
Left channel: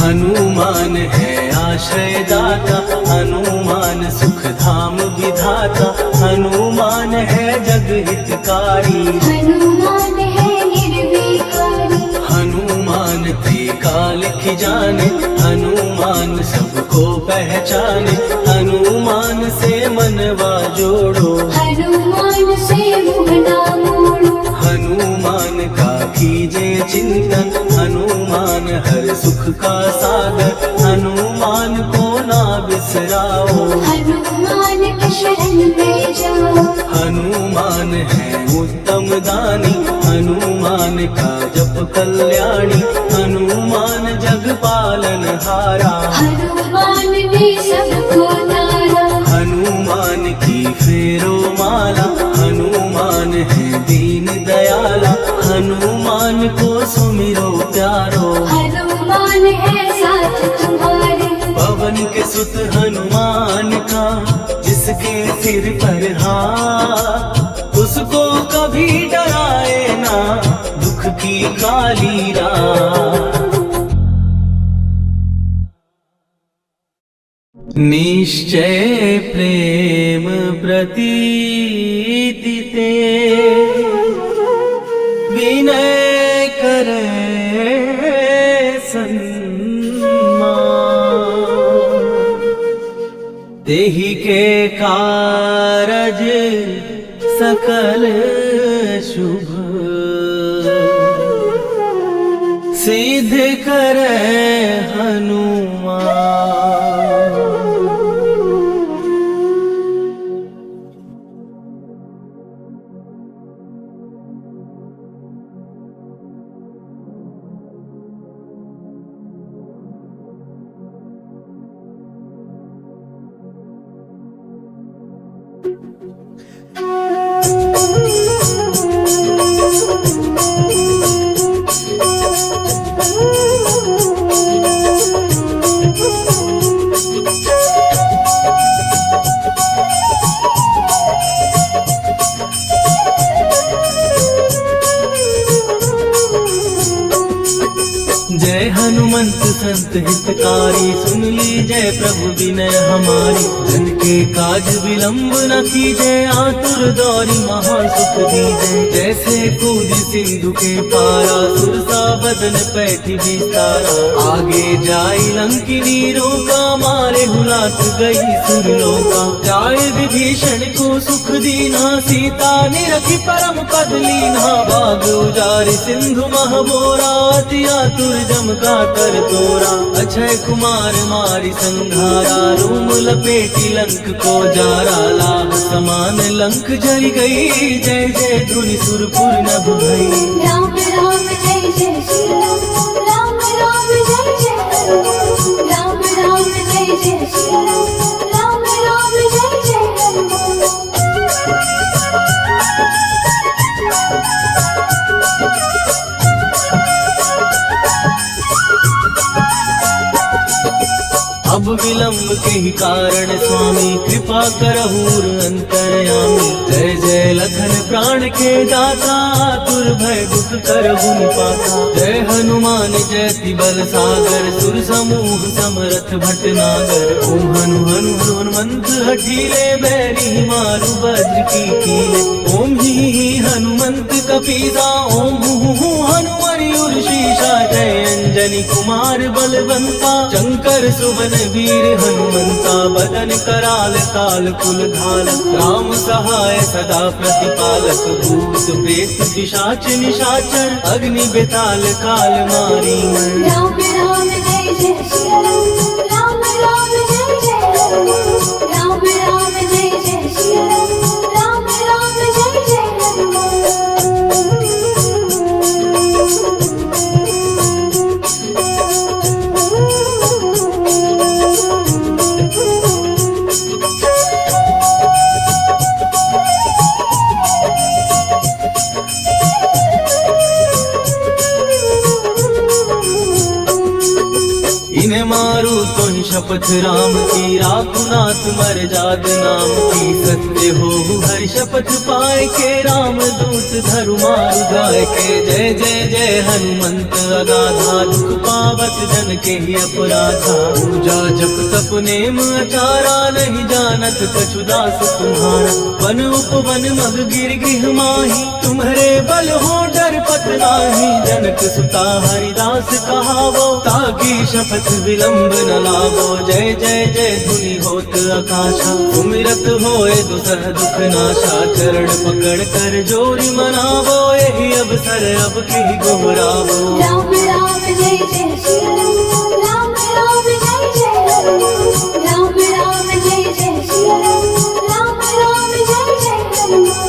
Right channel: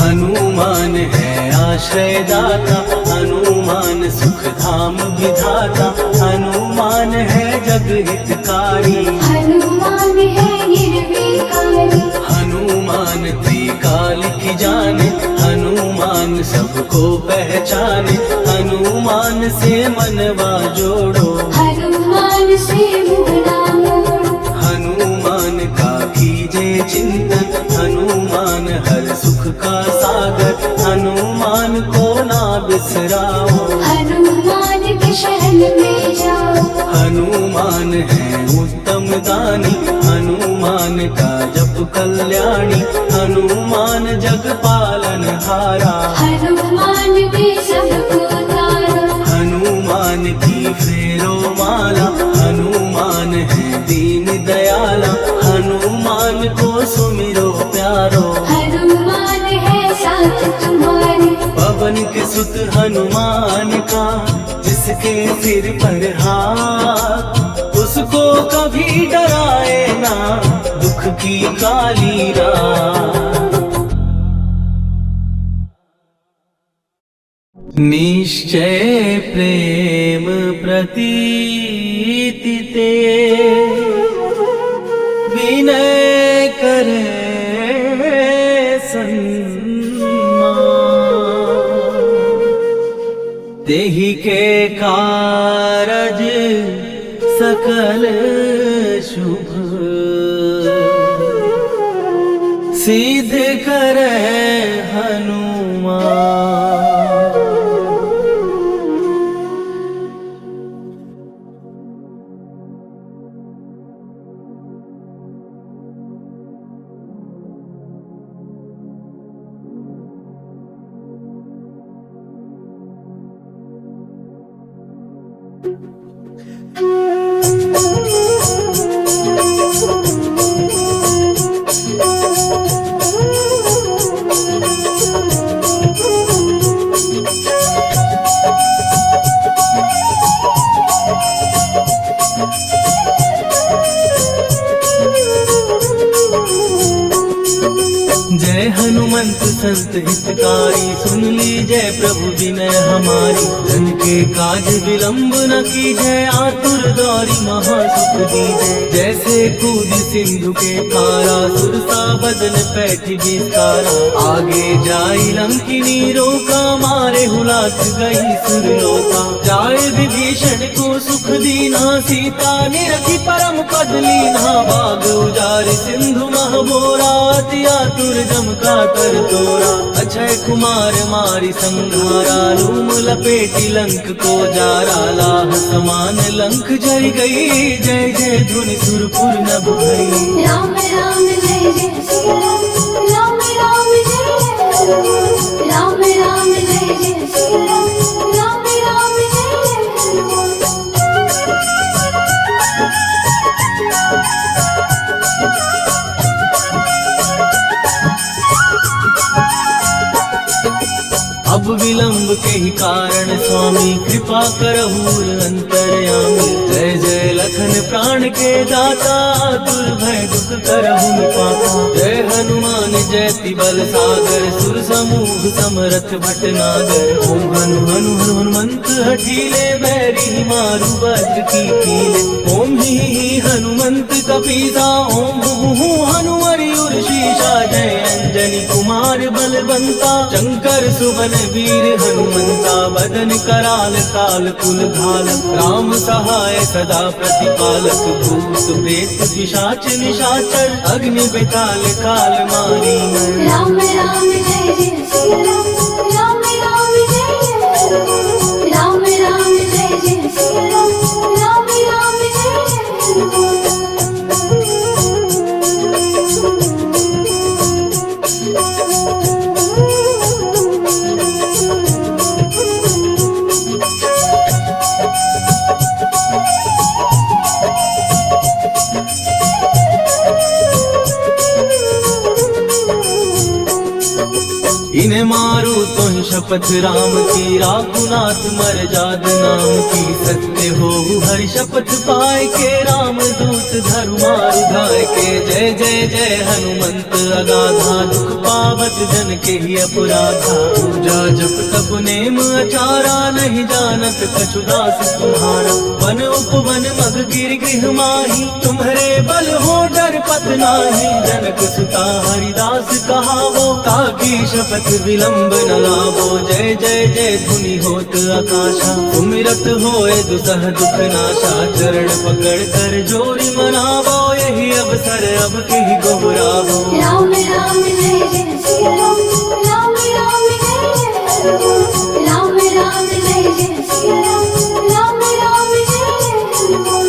हनुमान है आश्रयदाता, हनुमान सुख धाम विधाता। हनुमान है जग हितकारी, हनुमान है निर्विकारी। हनुमान त्रिकाल की जाने। हनुमान सबको पहचाने, हनुमान से मनवा जोड़ो। हनुमान से मुँह ना मोड़ो, हनुमान का कीजे चिंतन। हनुमान हर सुख का सागर, हनुमान को ना बिसराओ। हनुमान के शरण में जाओ। हनुमान है उत्तम दानी, हनुमान का जप कल्याणी। हनुमान जग पालन हारा, हनुमान ने सबको तारा। हनुमान की फेरो माला। हनुमान है दीन दयाला, हनुमान को सुमिरो प्यारो। हनुमान है साथ तुम्हारे, पवन के सुत हनुमान का, जिसके सिर पर हाथ, उसको कभी डराए ना दुख की काली रात। निश्चय प्रेम प्रतीति ते, विनय करे सन्मान। देहि के कारज सकल सकल शुभ सिद्ध करे हनुमान। जय हनुमंत संत हितकारी, सुन लीजय प्रभु विनय हमारी। जन के काज विलंब न कीजय, आतुर दौरी महासुख दीजय। जैसे कूद सिंधु के पारा, सुरसा बदन पैठी विस्तारा। आगे जाई लंकिनी रोका, मारे हुलात गई सुरलोका। जाय विभीषण को सुख दीना, सीता निरखी परम पद लीना। बाग उजारि सिंधु महबोरा, अति आतुर जम का कर तोरा। अक्षय कुमार मारि संघारा, रूम लपेटी लंक को जारा। लाह समान लंक जय गई, जय जय धुनि सुरपुर नभ भई। राम राम जय जय श्री राम, राम राम जय जय हनुमान। राम राम जय जय श्री राम, राम राम जय जय हनुमान। अब विलंब के ही कारण स्वामी, कृपा करहु अंतर्यामी। जय जय लखन प्राण के दाता, दुर्भय दुख करहु पाता। जय हनुमान जयति बल सागर, सुर समूह समरथ भटनागर। ओम हनु हनु हनुमंत हठीले, बैरी मारु वज्र की कीले। ओम ही हनुमंत कपीसा, ओम हु हनुमरि उर्शीषा। जय अंजनी कुमार बलवंता, शंकर सुवन वीर हनुमंता। बदन कराल ताल फुल खाल, राम सहाय सदा प्रतिपालक। भूत प्रेत पिशाच निशाचर, अग्नि बेताल काल मारी मर। राम राम जय जय श्री राम, राम राम जय जय हनुमान। राम राम जय जय श्री राम, राम राम जय जय हनुमान। इन्हें मारू तो ही शपथ राम की, राकुनाथ मर जाद नाम की। सत्य हो हरि शपथ पाए के, राम दूत धरु मारु गाय के। जय जय जय हनुमंत अगाधा, दुख पावत जन के ही अपराधा। पूजा जप तप नेम आचारा, नहीं जानत कछु दास तुम्हारा। वन उपवन मग गिर गृह माही, तुम्हारे बल हो डर पत नाही। जनक सुता हरिदास कहावो, ताकि शपथ विलंब न लावो। जय जय जय धुनि होत आकाशा, सुमिरत होए दुसह दुख नाशा। चरण पकड़ कर जोरी मनावो, यही अवसर अब की को बुलावो। राम राम जय जय श्री राम, राम राम जय जय हनुमान। राम राम जय जय श्री राम, राम राम जय जय हनुमान।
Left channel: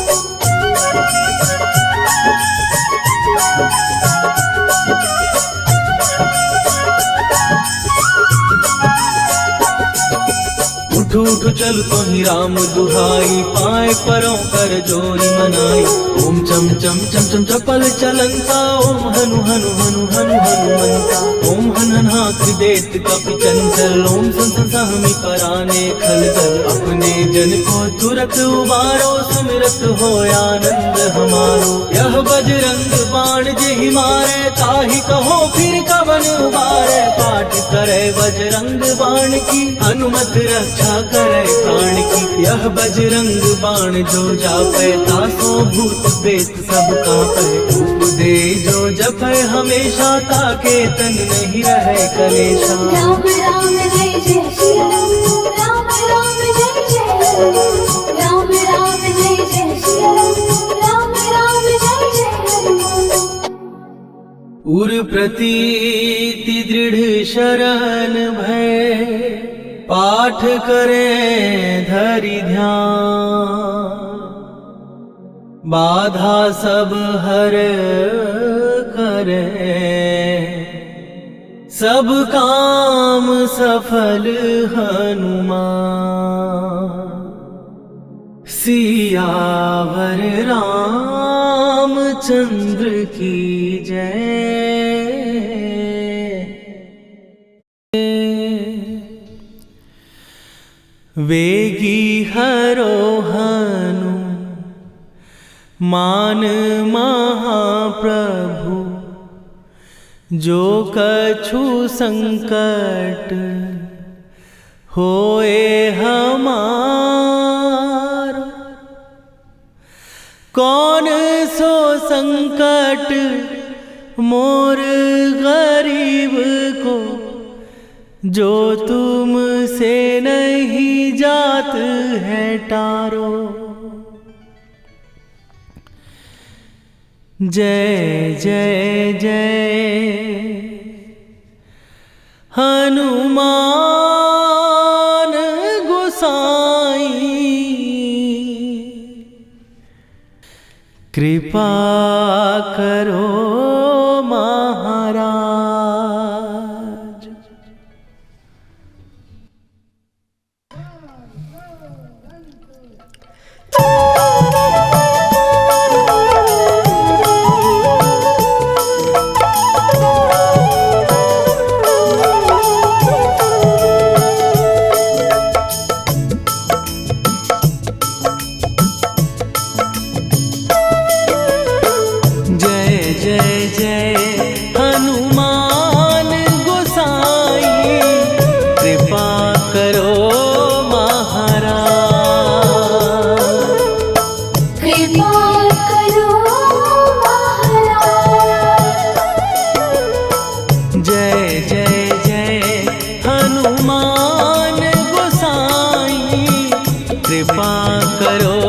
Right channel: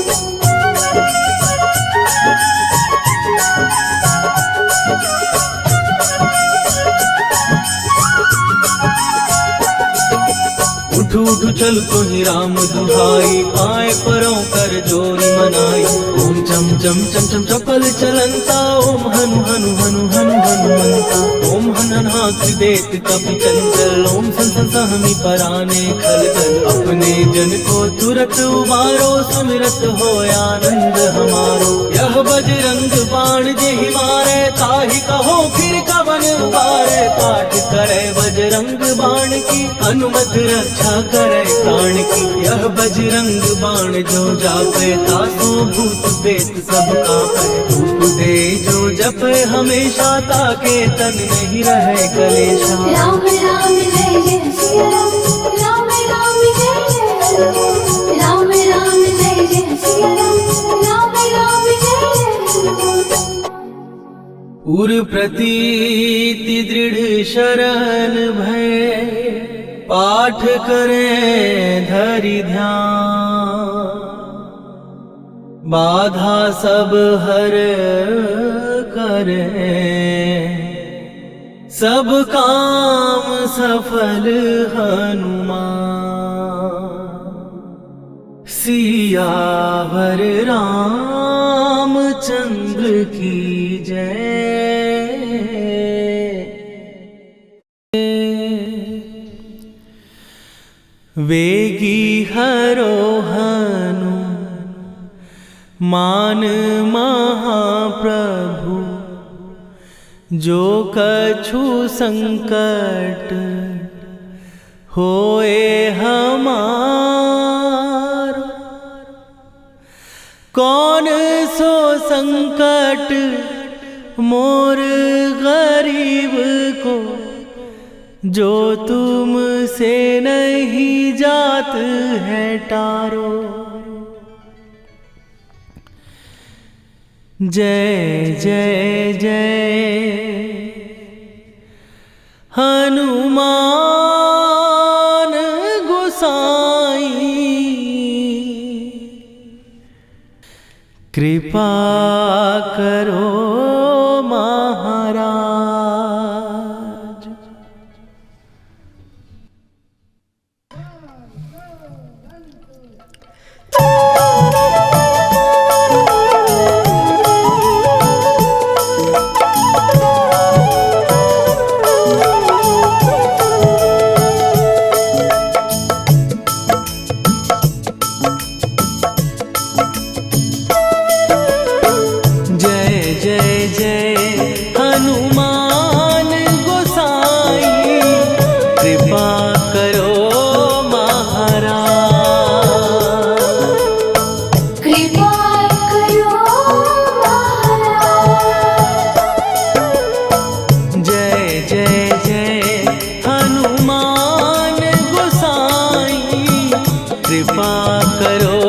उठ उठ चल तो ही राम दुहाई, पाए परों कर जोरी मनाई। ओम चम चम चम चम चपल चलंता, ओम हनु हनु हनु हनु हनुमंता। ओम हननाथ देत कपि चंचल, ओम सन सहमि पराने खलदल। अपने जन को तुरत उबारो, सुमिरत हो आनंद हमारो। यह बजरंग बाण जहि मारे, ताहि कहो फिर कवन उबारे। पाठ करे बजरंग बाण की, हनुमत रक्षा करे प्राण की। यह बजरंग बाण जो जापे, तासो भूत प्रेत सब कापे। रूप दे जो जपे हमेशा, ताके तन नहीं रहे कलेशा। राम राम जय जय श्री राम, राम राम जय जय हनुमान। राम राम जय जय श्री राम, उर प्रतीति दृढ़ शरण भय, पाठ करें धरि ध्यान। बाधा सब हर करे, सब काम सफल हनुमान। सियावर रामचंद्र की जय। वेगी हरोहनु मान महाप्रभु, जो कछु संकट होए हमार। कौन सो संकट मोर गरीब को, जो तुम से नहीं जात है टारो। जय जय जय हनुमान गोसाई, कृपा करो महाराज। कृपा करो महाराज। कृपा करो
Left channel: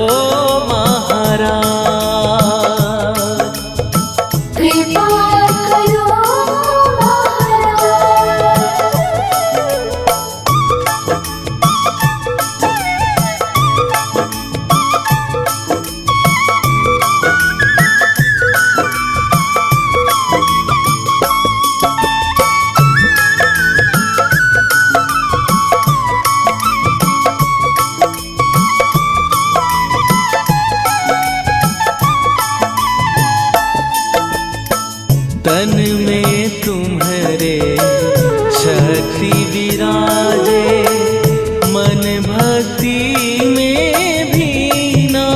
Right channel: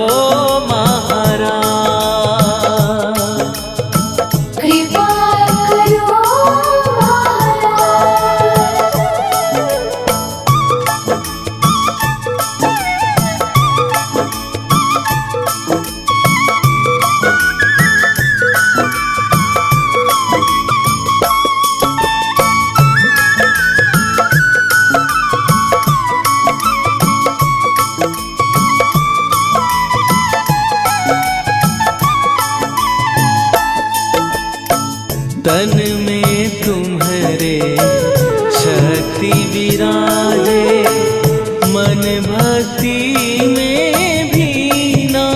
तन में तुम्हारे शक्ति विराजे, मन भक्ति में भीना।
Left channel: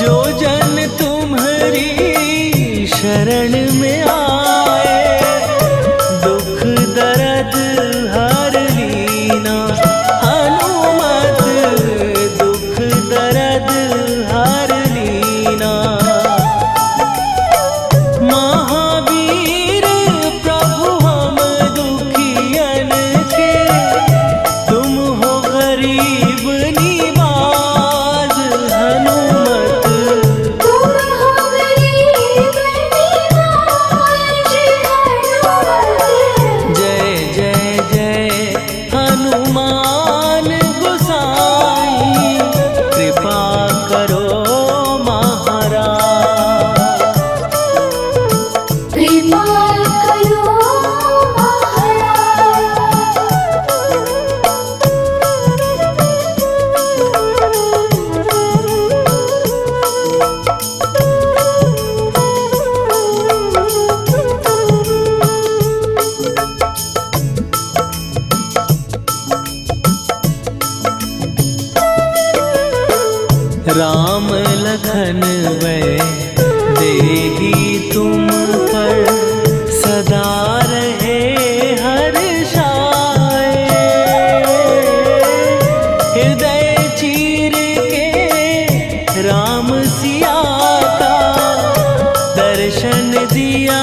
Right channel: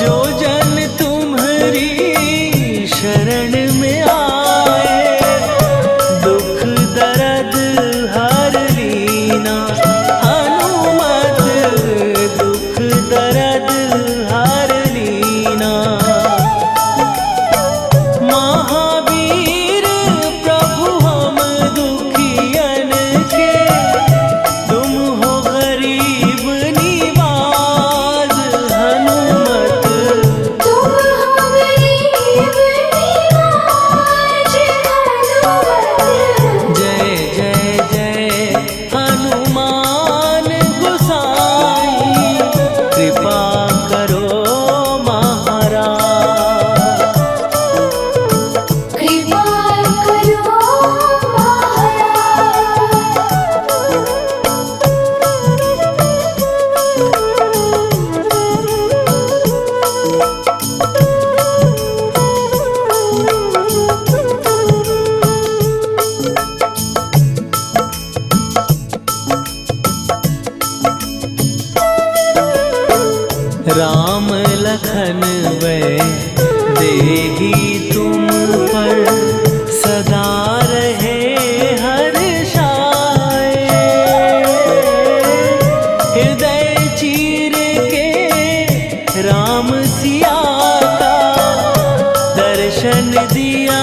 जो जन तुम्हारी शरण में आए, दुख दर्द हर लीना। हनुमत दुख दर्द हर लीना। महावीर प्रभु हम दुखियन के, तुम हो गरीब निवाज। हनुमत तुम हो गरीब निवाज। जय जय जय हनुमान गोसाई, कृपा करो महाराज। कृपा करो राम लखन वै देही तुम पर, सदा रहे हर्षाए। हृदय चीर के राम सिया का दर्शन दिया।